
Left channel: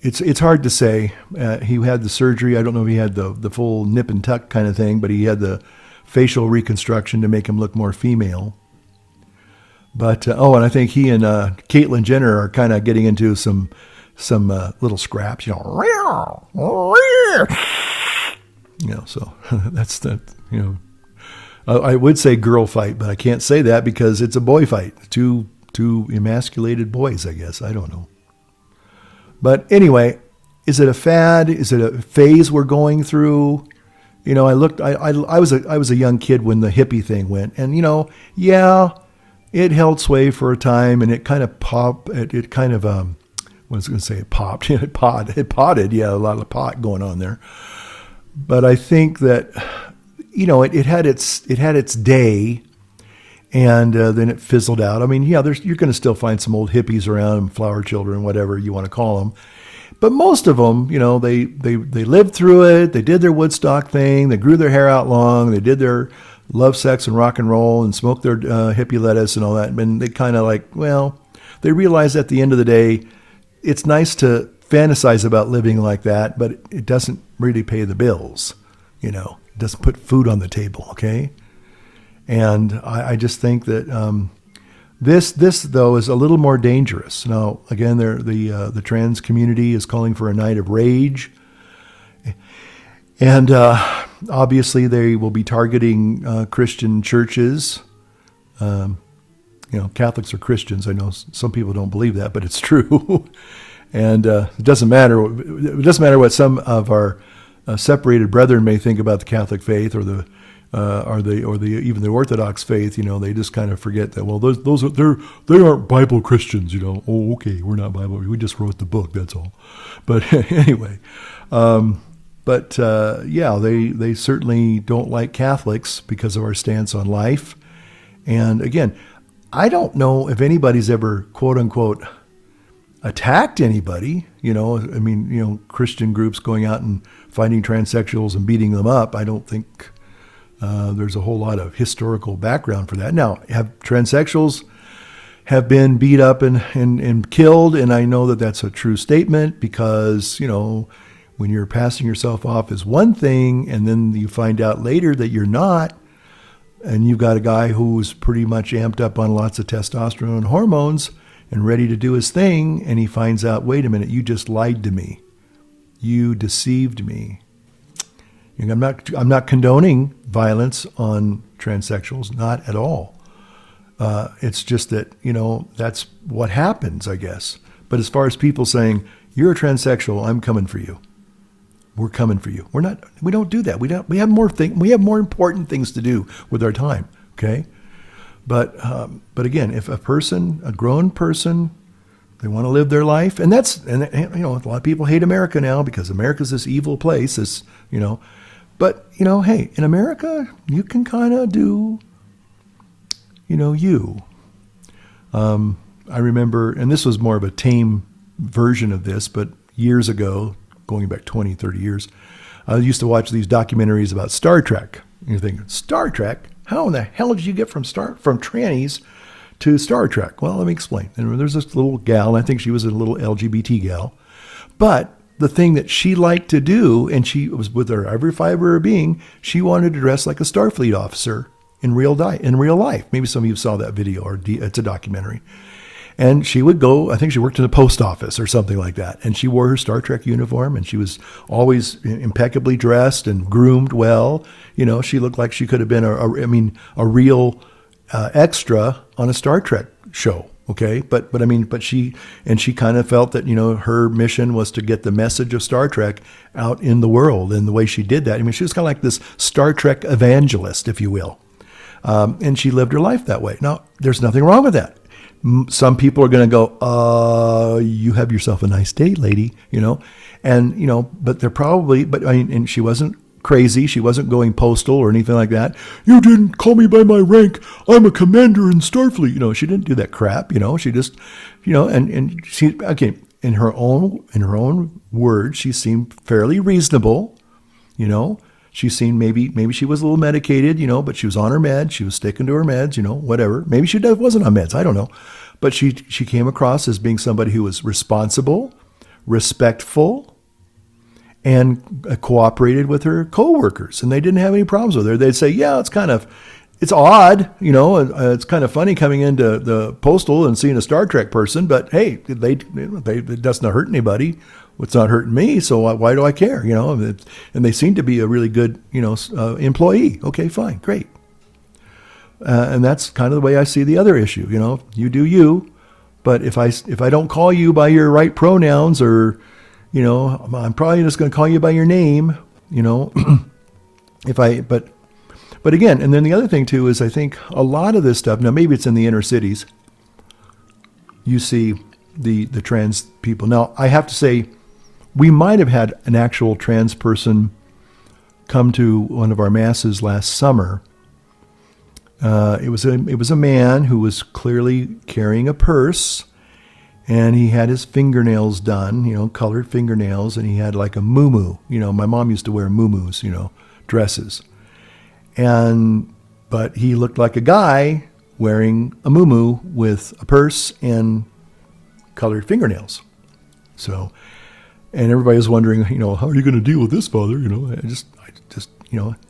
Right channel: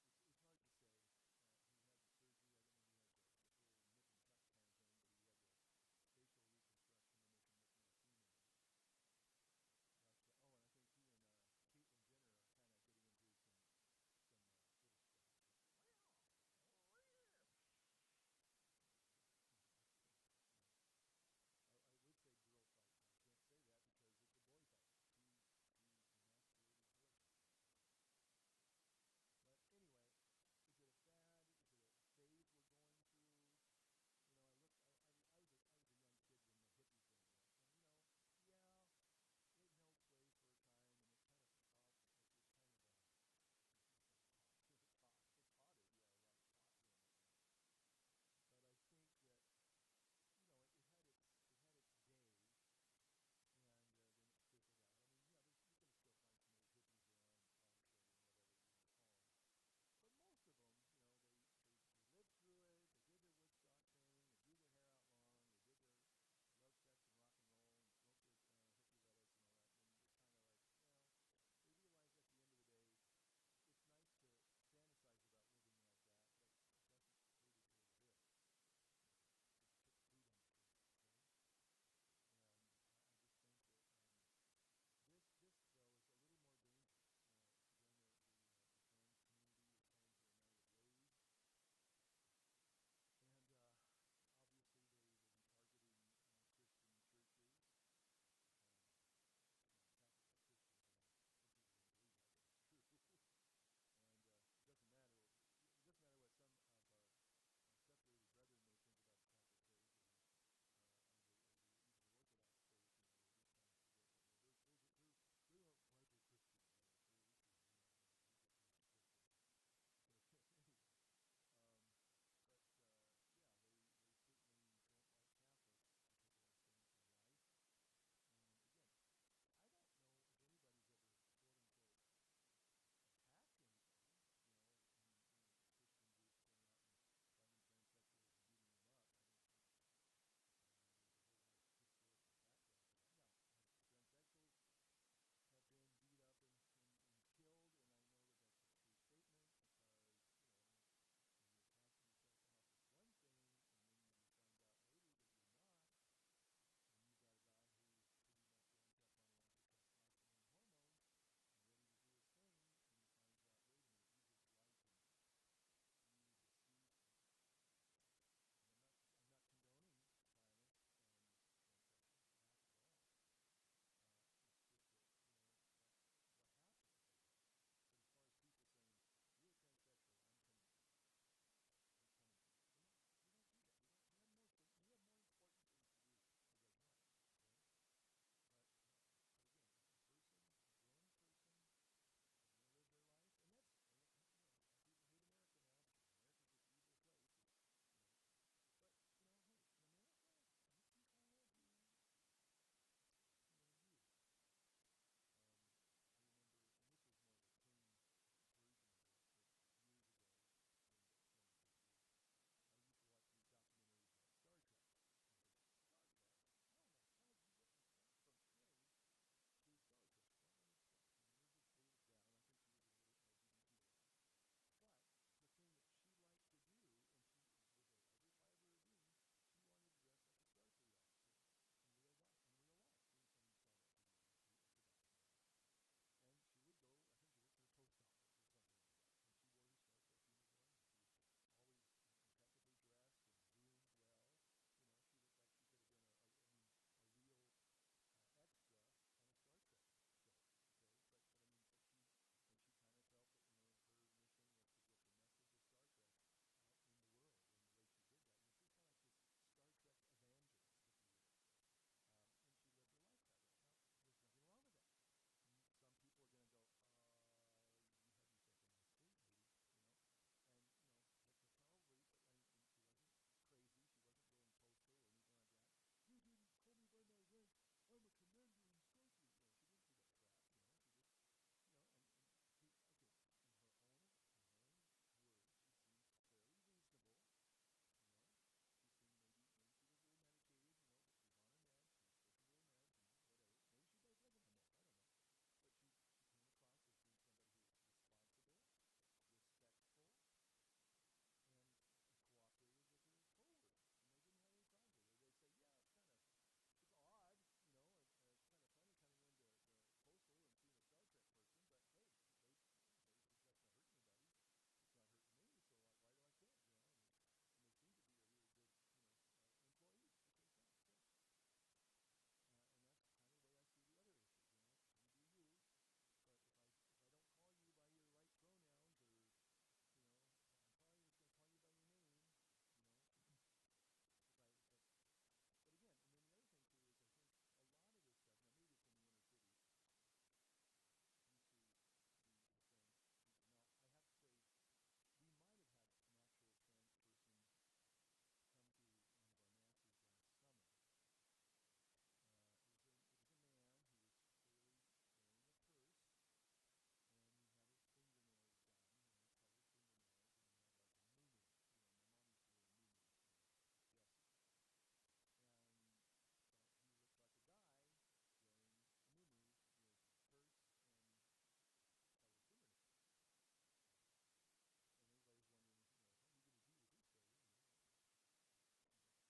It's hard to say. He had the surgery. I don't know if he had the full nip and tuck kind of thing, but he had the facial reconstruction to make him look more female. But and I think he and Caitlyn Jenner are kind of getting into some little scraps. So that's the I would say girl fight, but I can't say that because it's a boy fight. Two emasculated boys, I guess. I don't know. But anyway, is it a fad? Is it a phase we're going through? I was a young kid when the hippie thing went, and it held sway for a time, and it kind of popped. It kind of I was going to say it popped. It potted. Yeah, a lot of pot going on there. But I think that it had its day, and then it fizzled out. I mean, you're going to still find some old hippies around, flower children, whatever you want to call them. But most of them, they lived through it. They did their Woodstock thing. They grew their hair out long. They did their love, sex, and rock and roll and smoked their hippie lettuce and all that. And they kind of they realized at the end of the day, it's nice to fantasize about living like that, but it doesn't really pay the bills. doesn't put food on the table. Okay. And I just think that this though is a little more dangerous. Now, again, the trans community is calling for a night of rage, and obviously they will be targeting Christian churches. Catholics are Christians. I know some people don't believe that, but it's true. And it doesn't matter. It doesn't matter what some of our separated brethren may think about the Catholic faith or the even the Orthodox faith. They just kind of forget that. Well, they aren't Bible Christians. Oh, okay, we're not Bible. We just wrote the book. That's all. But anyway, they certainly don't like Catholics because of our stance on life. And again, I don't know if anybody's ever quote unquote attacked anybody. Christian groups going out and finding transsexuals and beating them up. I don't think there's a whole lot of historical background for that. Now, have transsexuals have been beat up and killed, and I know that that's a true statement because, when you're passing yourself off as one thing and then you find out later that you're not, and you've got a guy who's pretty much amped up on lots of testosterone and hormones and ready to do his thing, and he finds out, wait a minute, you just lied to me. You deceived me. I'm not condoning violence on transsexuals, not at all. It's just that, that's what happens, I guess. But as far as people saying, you're a transsexual, I'm coming for you. We're coming for you. We don't do that. We have more important things to do with our time. Okay. But again, if a grown person, they want to live their life, and a lot of people hate America now because America's this evil place, but hey, in America, you can kind of do, you. I remember, and this was more of a tame version of this, but years ago, going back 20, 30 years, I used to watch these documentaries about Star Trek. You're thinking, Star Trek? How in the hell did you get from trannies to Star Trek? Well, let me explain. And there's this little gal, and I think she was a little LGBT gal, but the thing that she liked to do, and she was with her every fiber of her being, she wanted to dress like a Starfleet officer in real life. Maybe some of you saw that video, or it's a documentary. And she would go, I think she worked in the post office or something like that. And she wore her Star Trek uniform, and she was always impeccably dressed and groomed well. She looked like she could have been a real extra on a Star Trek show. Okay. But she kind of felt that, her mission was to get the message of Star Trek out in the world. And the way she did that, she was kind of like this Star Trek evangelist, if you will. And she lived her life that way. Now, there's nothing wrong with that. Some people are going to go, you have yourself a nice day, lady, but they're probably, and she wasn't crazy. She wasn't going postal or anything like that. You didn't call me by my rank. I'm a commander in Starfleet. She didn't do that crap. She just, and she, okay, in her own words, she seemed fairly reasonable. She seemed maybe she was a little medicated, but she was on her meds. She was sticking to her meds, whatever. Maybe she wasn't on meds. I don't know. But she came across as being somebody who was responsible, respectful, and cooperated with her coworkers. And they didn't have any problems with her. They'd say, yeah, it's odd, it's kind of funny coming into the postal and seeing a Star Trek person, but hey, it doesn't hurt anybody. It's not hurting me, so why do I care? And they seem to be a really good, employee. Okay, fine, great. And that's kind of the way I see the other issue. You do you, but if I don't call you by your right pronouns, or, I'm probably just going to call you by your name. But again, and then the other thing too is I think a lot of this stuff. Now maybe it's in the inner cities. You see the trans people. Now I have to say, we might have had an actual trans person come to one of our masses last summer. It was a man who was clearly carrying a purse, and he had his fingernails done, colored fingernails, and he had like a muumuu. My mom used to wear muumuus, dresses. But he looked like a guy wearing a muumuu with a purse and colored fingernails. So, and everybody was wondering, how are you going to deal with this, Father?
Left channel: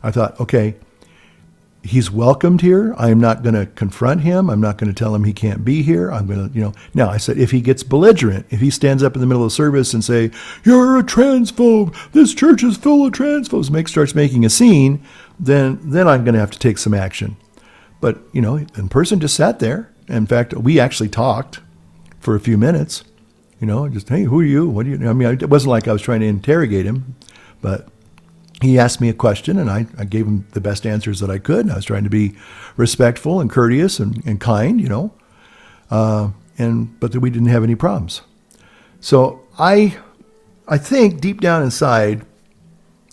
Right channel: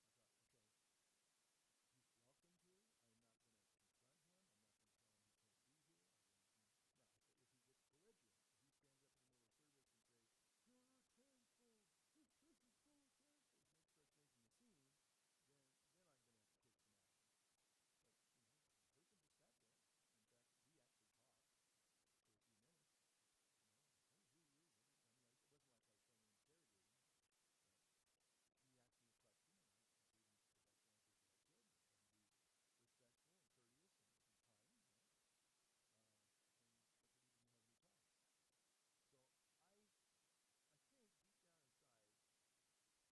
I thought, okay, he's welcomed here. I am not going to confront him. I'm not going to tell him he can't be here. I'm going to, now I said, if he gets belligerent, if he stands up in the middle of the service and say, you're a transphobe, this church is full of transphobes, starts making a scene, then I'm going to have to take some action. But, the person just sat there. In fact, we actually talked for a few minutes, just, hey, who are you? What do you, it wasn't like I was trying to interrogate him, but he asked me a question, and I gave him the best answers that I could. And I was trying to be respectful and courteous and kind, but we didn't have any problems. So I think deep down inside,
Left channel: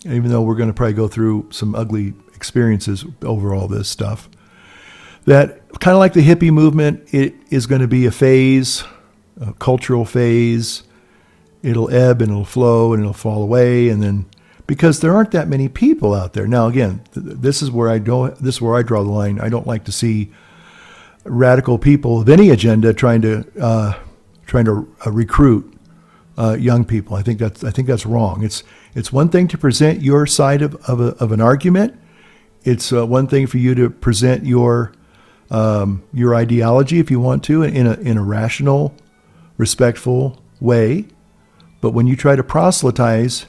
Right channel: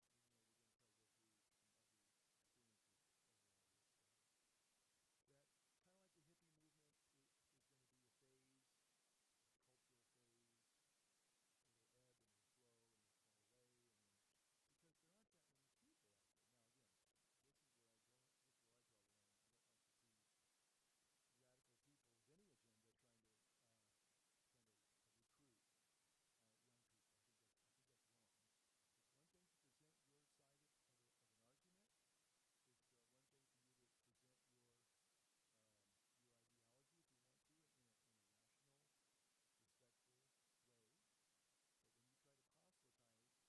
even though we're going to probably go through some ugly experiences over all this stuff, that kind of like the hippie movement, it is going to be a phase, a cultural phase. It'll ebb and it'll flow and it'll fall away, and then, because there aren't that many people out there. Now, again, this is where I draw the line. I don't like to see radical people of any agenda trying to recruit young people. I think that's wrong. It's one thing to present your side of an argument. It's one thing for you to present your ideology, if you want to, in a rational, respectful way. But when you try to proselytize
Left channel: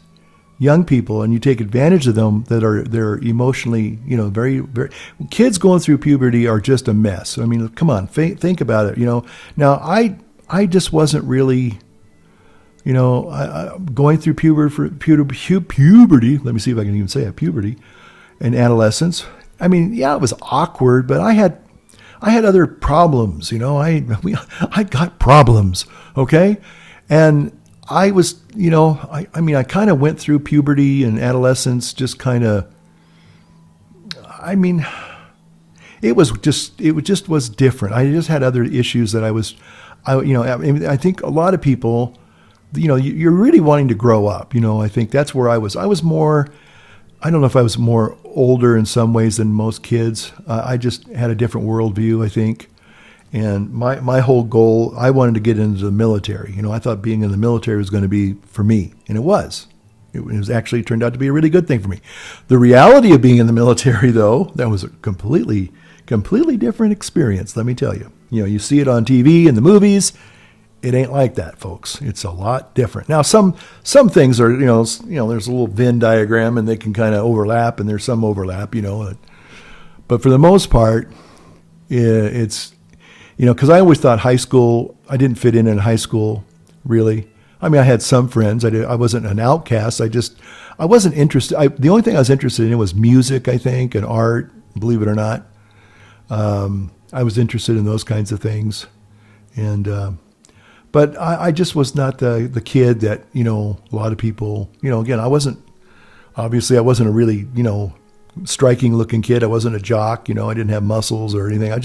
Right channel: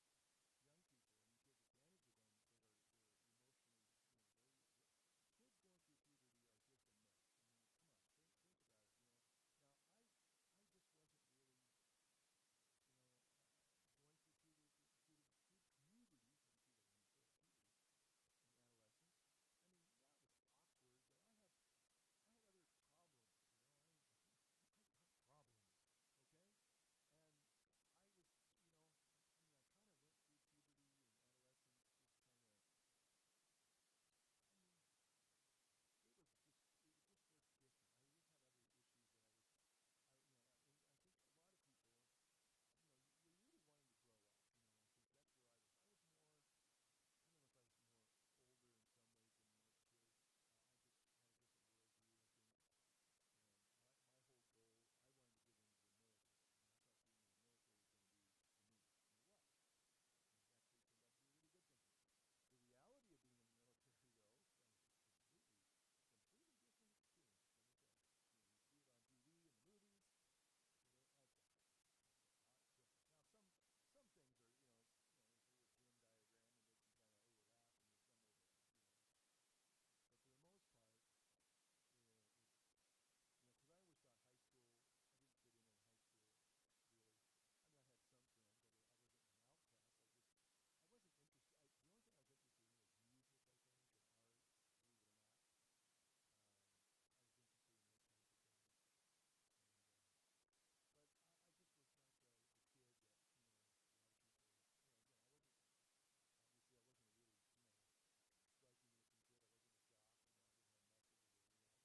young people and you take advantage of them, they're emotionally, very, very, kids going through puberty are just a mess. I mean, come on, think about it. Now I just wasn't really, going through puberty. Let me see if I can even say it, puberty and adolescence. I mean, yeah, it was awkward, but I had other problems. I got problems. Okay. And I was, I kind of went through puberty and adolescence, just kind of, it was different. I just had other issues that I think a lot of people, you're really wanting to grow up. I think that's where I was more, I don't know if I was more older in some ways than most kids. I just had a different worldview, I think. And my whole goal, I wanted to get into the military. I thought being in the military was going to be for me, and it was. It was actually turned out to be a really good thing for me. The reality of being in the military, though, that was a completely different experience, let me tell you. You see it on TV and the movies. It ain't like that, folks. It's a lot different. Now, some things are, there's a little Venn diagram, and they can kind of overlap, and there's some overlap, But for the most part, it's, because I always thought high school, I didn't fit in high school, really. I had some friends. I wasn't an outcast. I wasn't interested. The only thing I was interested in was music, I think, and art, believe it or not. I was interested in those kinds of things. But I just was not the kid that, a lot of people, again, I wasn't a really, striking looking kid. I wasn't a jock, I didn't have muscles or anything. I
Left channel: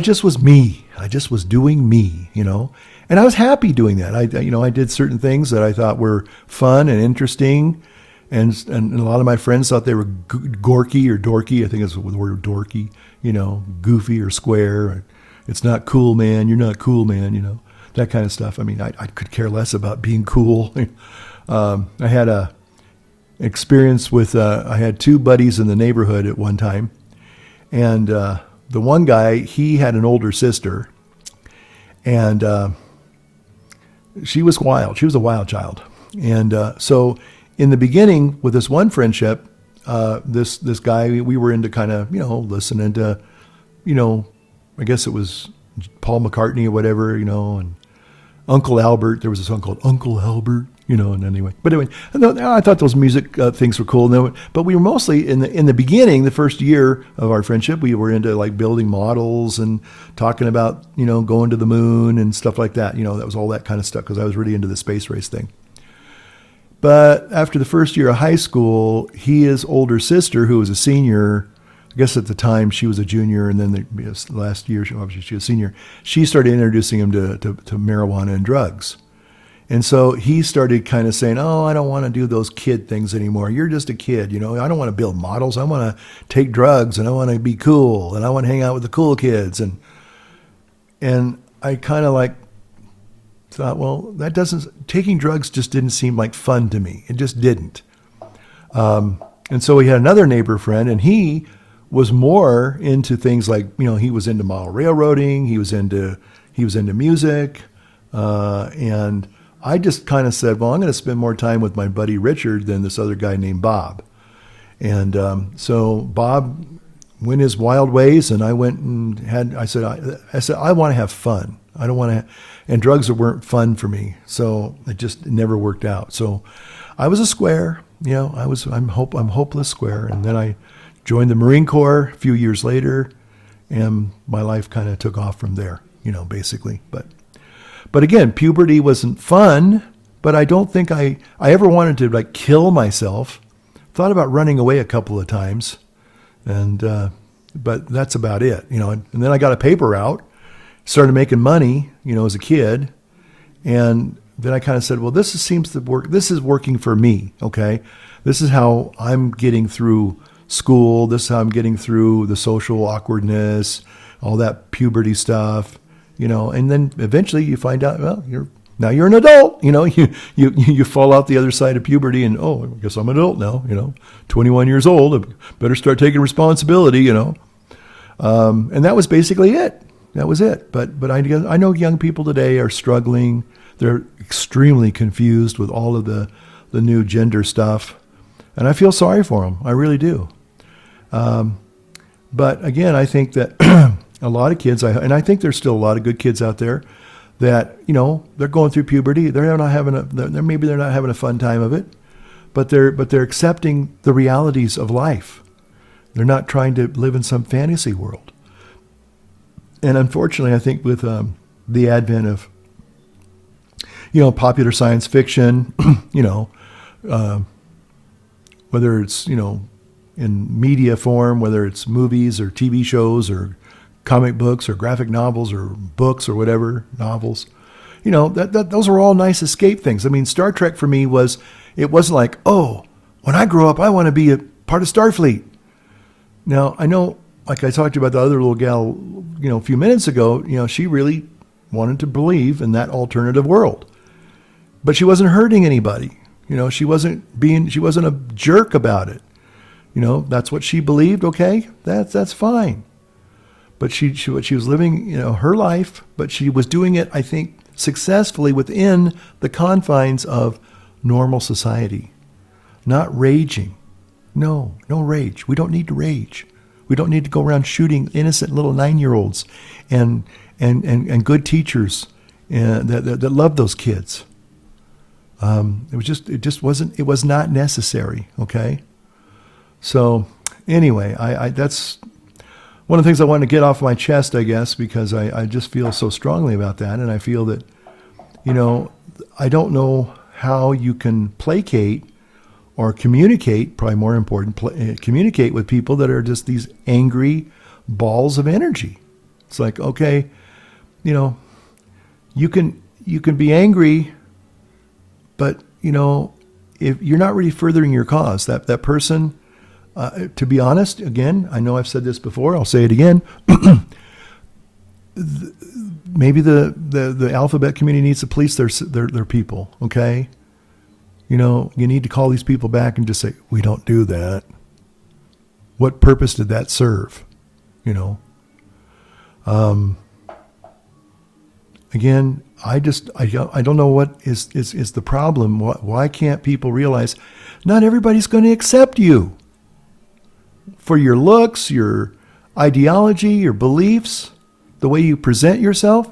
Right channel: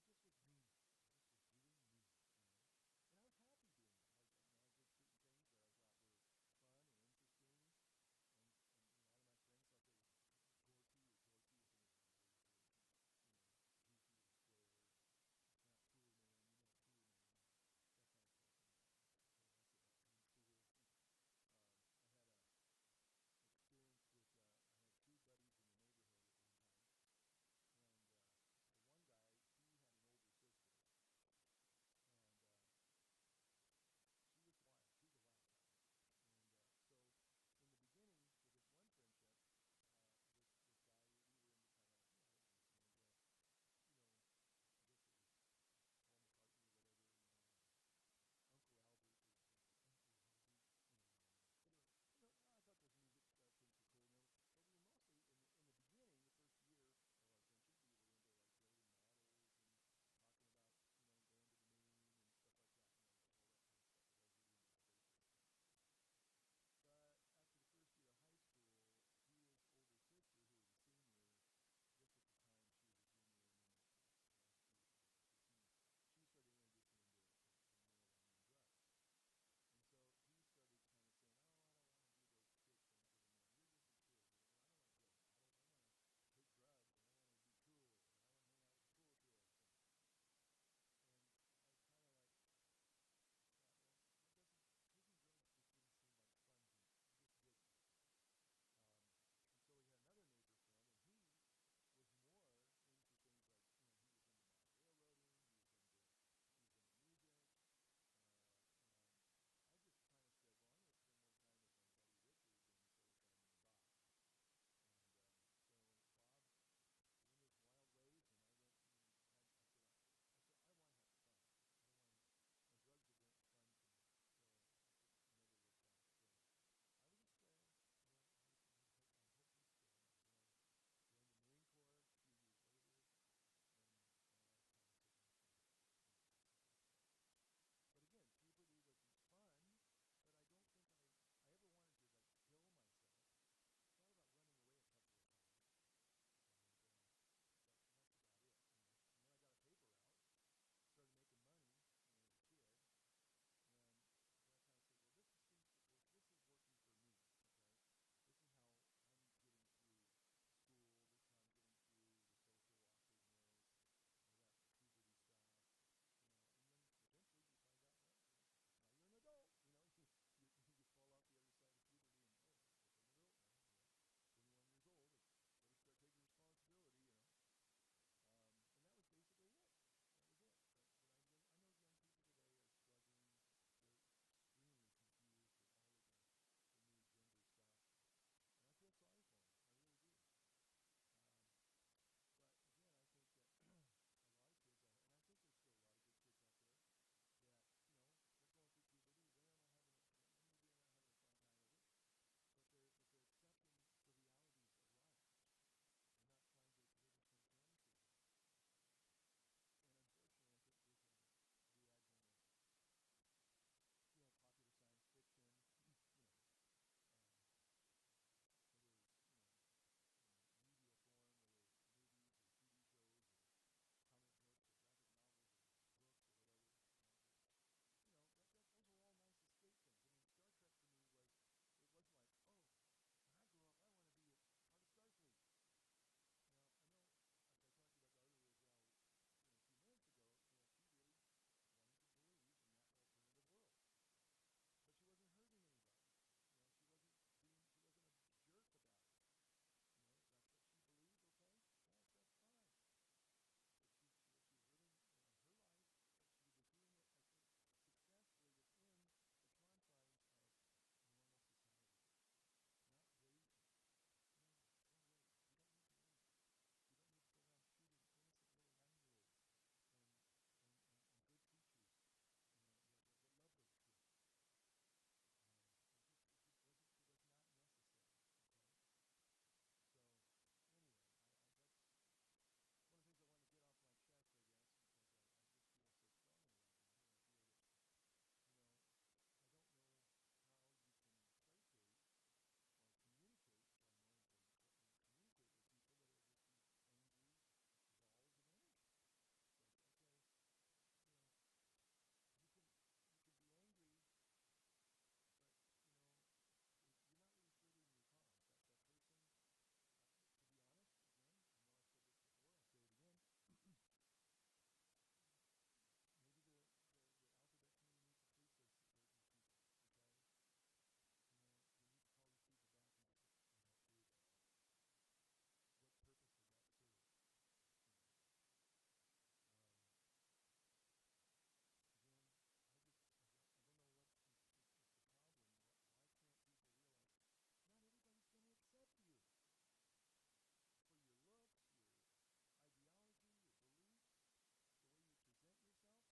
just was me. I just was doing me, and I was happy doing that. I did certain things that I thought were fun and interesting. And a lot of my friends thought they were gorky or dorky. I think it's the word dorky, goofy or square. It's not cool, man. You're not cool, man. That kind of stuff. I could care less about being cool. I had a experience with, I had two buddies in the neighborhood at one time. And the one guy, he had an older sister. And she was wild. She was a wild child. And so in the beginning with this one friendship, this guy, we were into kind of, listening to, I guess it was Paul McCartney or whatever, and Uncle Albert. There was a song called Uncle Albert, and anyway. But anyway, I thought those music things were cool. But we were mostly, in the beginning, the first year of our friendship, we were into like building models and talking about, going to the moon and stuff like that. That was all that kind of stuff because I was really into the space race thing. But after the first year of high school, his older sister, who was a senior, I guess at the time she was a junior, and then the last year, obviously she was a senior, she started introducing him to marijuana and drugs. And so he started kind of saying, oh, I don't want to do those kid things anymore. You're just a kid, I don't want to build models. I want to take drugs, and I want to be cool, and I want to hang out with the cool kids. And I kind of thought, well, taking drugs just didn't seem like fun to me. It just didn't. And so he had another neighbor friend, and he was more into things like, he was into model railroading, he was into music, and I just kind of said, well, I'm going to spend more time with my buddy Richard than this other guy named Bob. And so Bob went his wild ways, and I went and I said, I want to have fun. I don't want to, and drugs weren't fun for me. So it never worked out. So I was a square, I'm hopeless square. And then I joined the Marine Corps a few years later, and my life kind of took off from there, basically. But again, puberty wasn't fun, but I don't think I ever wanted to like kill myself. Thought about running away a couple of times, and but that's about it, And then I got a paper route, started making money, as a kid, and then I kind of said, well, seems to work. This is working for me, okay? This is how I'm getting through school. This is how I'm getting through the social awkwardness, all that puberty stuff, And then eventually you find out, well, you're an adult, you fall out the other side of puberty, and I guess I'm an adult now, 21 years old, I better start taking responsibility, and that was basically it. That was it. But I know young people today are struggling. They're extremely confused with all of the new gender stuff, and I feel sorry for them. I really do. But again, I think that a lot of kids, and I think there's still a lot of good kids out there that, they're going through puberty. Maybe they're not having a fun time of it, but they're accepting the realities of life. They're not trying to live in some fantasy world. And unfortunately, I think with the advent of, popular science fiction, whether it's, in media form, whether it's movies or TV shows or comic books or graphic novels or books or whatever, novels, those are all nice escape things. I mean, Star Trek for me it wasn't like, oh, when I grow up, I want to be a part of Starfleet. Now, I know, like I talked to you about the other little gal, a few minutes ago, she really wanted to believe in that alternative world, but she wasn't hurting anybody. She wasn't a jerk about it. That's what she believed. Okay, that's fine. But she was living, her life, but she was doing it, I think, successfully within the confines of normal society, not raging. No rage. We don't need to rage. We don't need to go around shooting innocent little 9-year-olds and good teachers that love those kids. It was not necessary. Okay. So anyway, that's one of the things I wanted to get off my chest, I guess, because I just feel so strongly about that. And I feel that, I don't know how you can placate or communicate, probably more important, communicate with people that are just these angry balls of energy. It's like, okay, you can be angry, but, if you're not really furthering your cause, that person, to be honest, again, I know I've said this before, I'll say it again. Maybe the alphabet community needs to police their people, okay? You need to call these people back and just say, we don't do that. What purpose did that serve? Again, I don't know what is the problem. Why can't people realize not everybody's going to accept you for your looks, your ideology, your beliefs, the way you present yourself?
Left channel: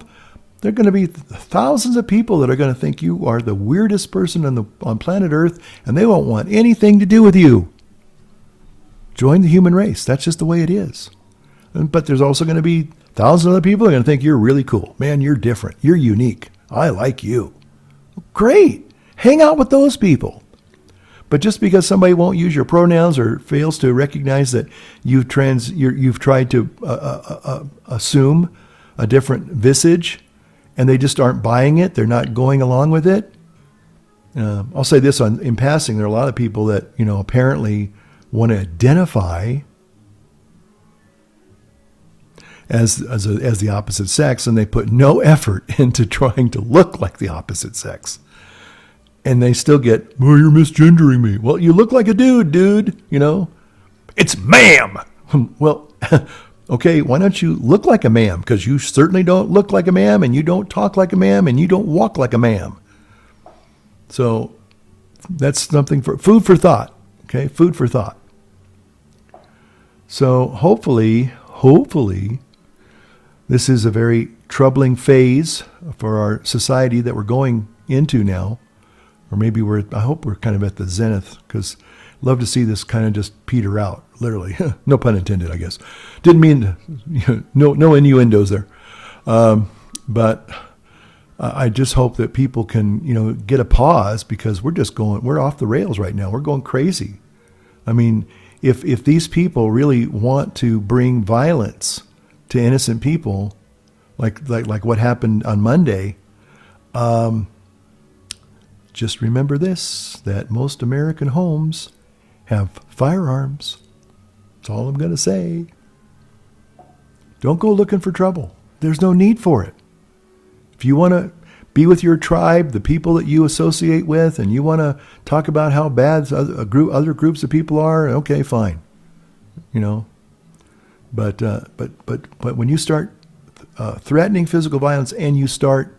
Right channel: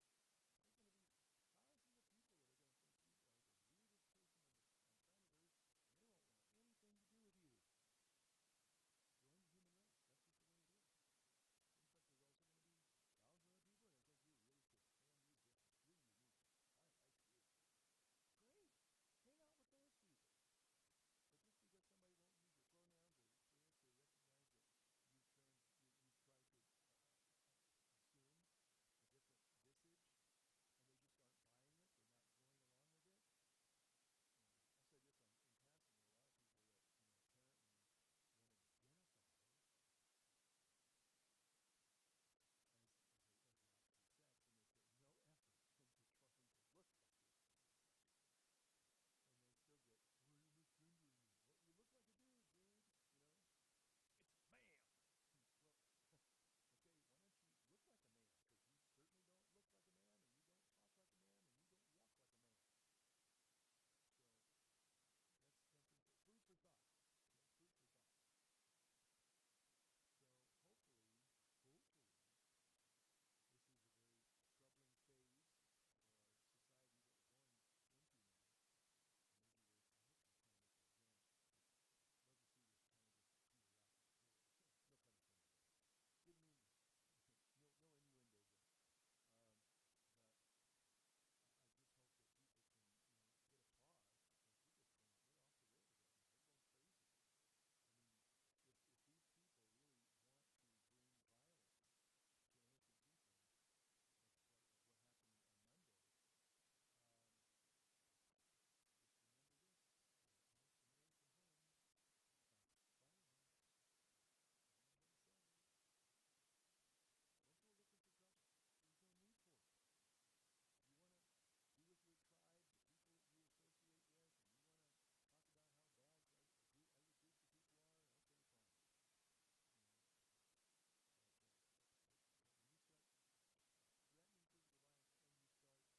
There are going to be thousands of people that are going to think you are the weirdest person on planet Earth, and they won't want anything to do with you. Join the human race. That's just the way it is. But there's also going to be thousands of other people that are going to think you're really cool. Man, you're different. You're unique. I like you. Great. Hang out with those people. But just because somebody won't use your pronouns or fails to recognize that you've tried to assume a different visage, and they just aren't buying it, they're not going along with it. I'll say this in passing: there are a lot of people that apparently want to identify as the opposite sex, and they put no effort into trying to look like the opposite sex. And they still get, well, you're misgendering me. Well, you look like a dude, you know. It's ma'am. Well, okay, why don't you look like a ma'am? Because you certainly don't look like a ma'am, and you don't talk like a ma'am, and you don't walk like a ma'am. So that's something for food for thought. Okay, food for thought. So hopefully, this is a very troubling phase for our society that we're going into now. Or maybe I hope we're kind of at the zenith, because I'd love to see this kind of just peter out, literally. No pun intended, I guess. Didn't mean, no innuendos there. But I just hope that people can, get a pause, because we're off the rails right now. We're going crazy. I mean, if these people really want to bring violence to innocent people, like what happened on Monday, just remember this, that most American homes have firearms. That's all I'm going to say. Don't go looking for trouble. There's no need for it. If you want to be with your tribe, the people that you associate with, and you want to talk about how bad other groups of people are, okay, fine. But when you start threatening physical violence, and you start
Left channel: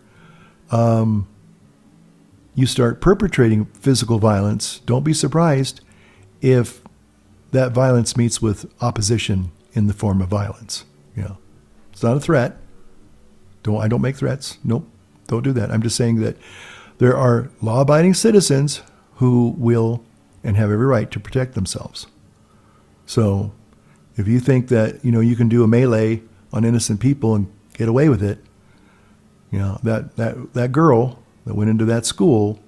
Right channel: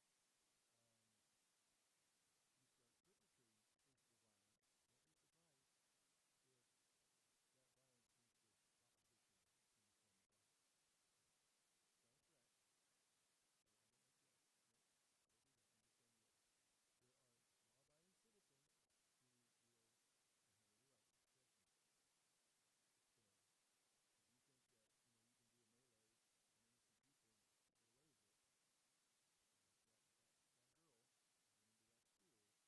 perpetrating physical violence, don't be surprised if that violence meets with opposition in the form of violence. It's not a threat. I don't make threats. Nope, don't do that. I'm just saying that there are law-abiding citizens who will and have every right to protect themselves. So if you think that, you can do a melee on innocent people and get away with it, that girl that went into that school,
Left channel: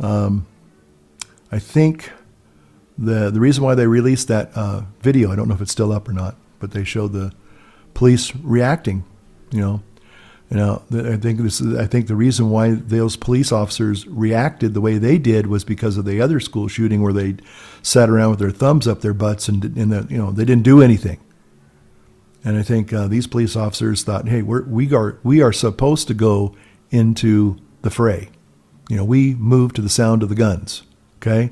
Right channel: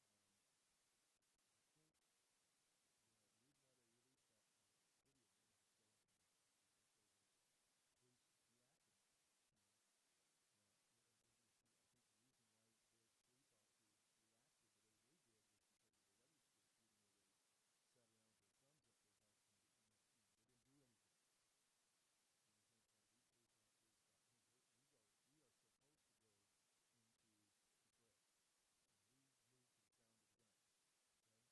I think the reason why they released that video, I don't know if it's still up or not, but they showed the police reacting. I think the reason why those police officers reacted the way they did was because of the other school shooting, where they sat around with their thumbs up their butts and they didn't do anything. And I think these police officers thought, hey, we are supposed to go into the fray. We move to the sound of the guns. Okay,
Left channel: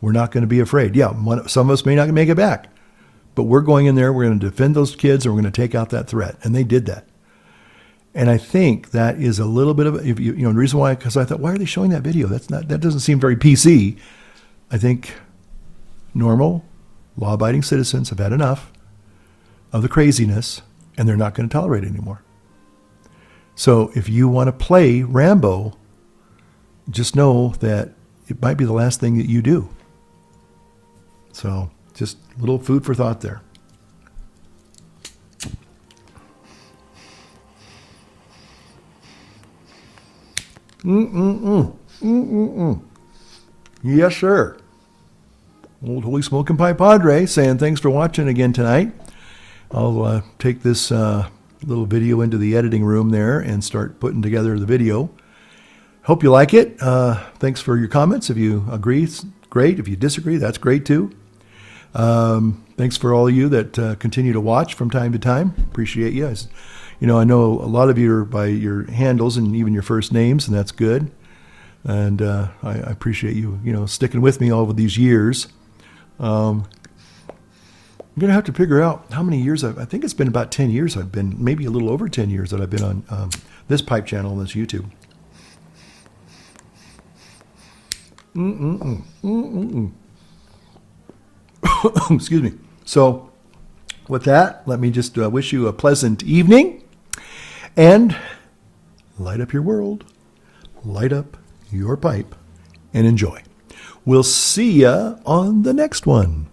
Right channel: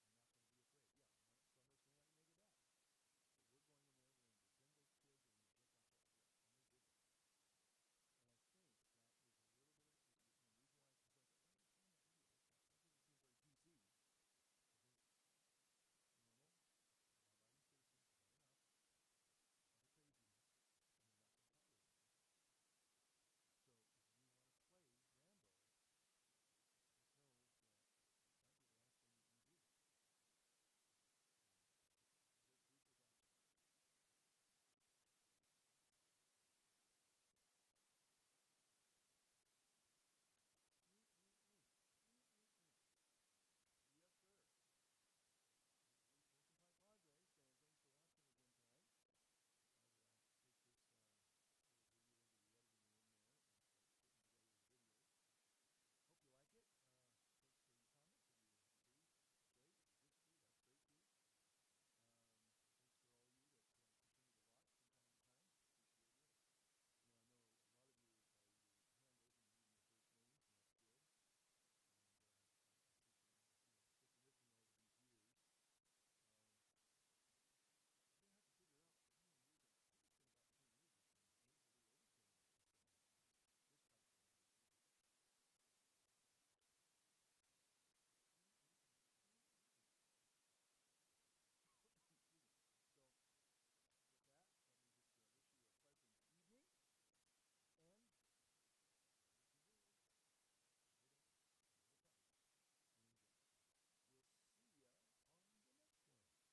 we're not going to be afraid. Yeah, some of us may not make it back, but we're going in there. We're going to defend those kids, and we're going to take out that threat. And they did that. And I think that is a little bit of the reason why, because I thought, why are they showing that video? That doesn't seem very PC. I think normal, law-abiding citizens have had enough of the craziness, and they're not going to tolerate it anymore. So if you want to play Rambo, just know that it might be the last thing that you do. So just a little food for thought there. Yes, sir. Old Holy Smoking Pie Padre saying thanks for watching again tonight. I'll take this little video into the editing room there and start putting together the video. Hope you like it. Thanks for your comments. If you agree, it's great. If you disagree, that's great too. Thanks for all of you that continue to watch from time to time. Appreciate you. I know a lot of you are by your handles and even your first names, and that's good. And I appreciate you, sticking with me all of these years. I'm going to have to figure out how many years I think it's been about 10 years I've been, maybe a little over 10 years that I've been on this pipe channel, this YouTube. Excuse me. So with that, let me just wish you a pleasant evening. And light up your world, light up your pipe, and enjoy. We'll see ya on the next one.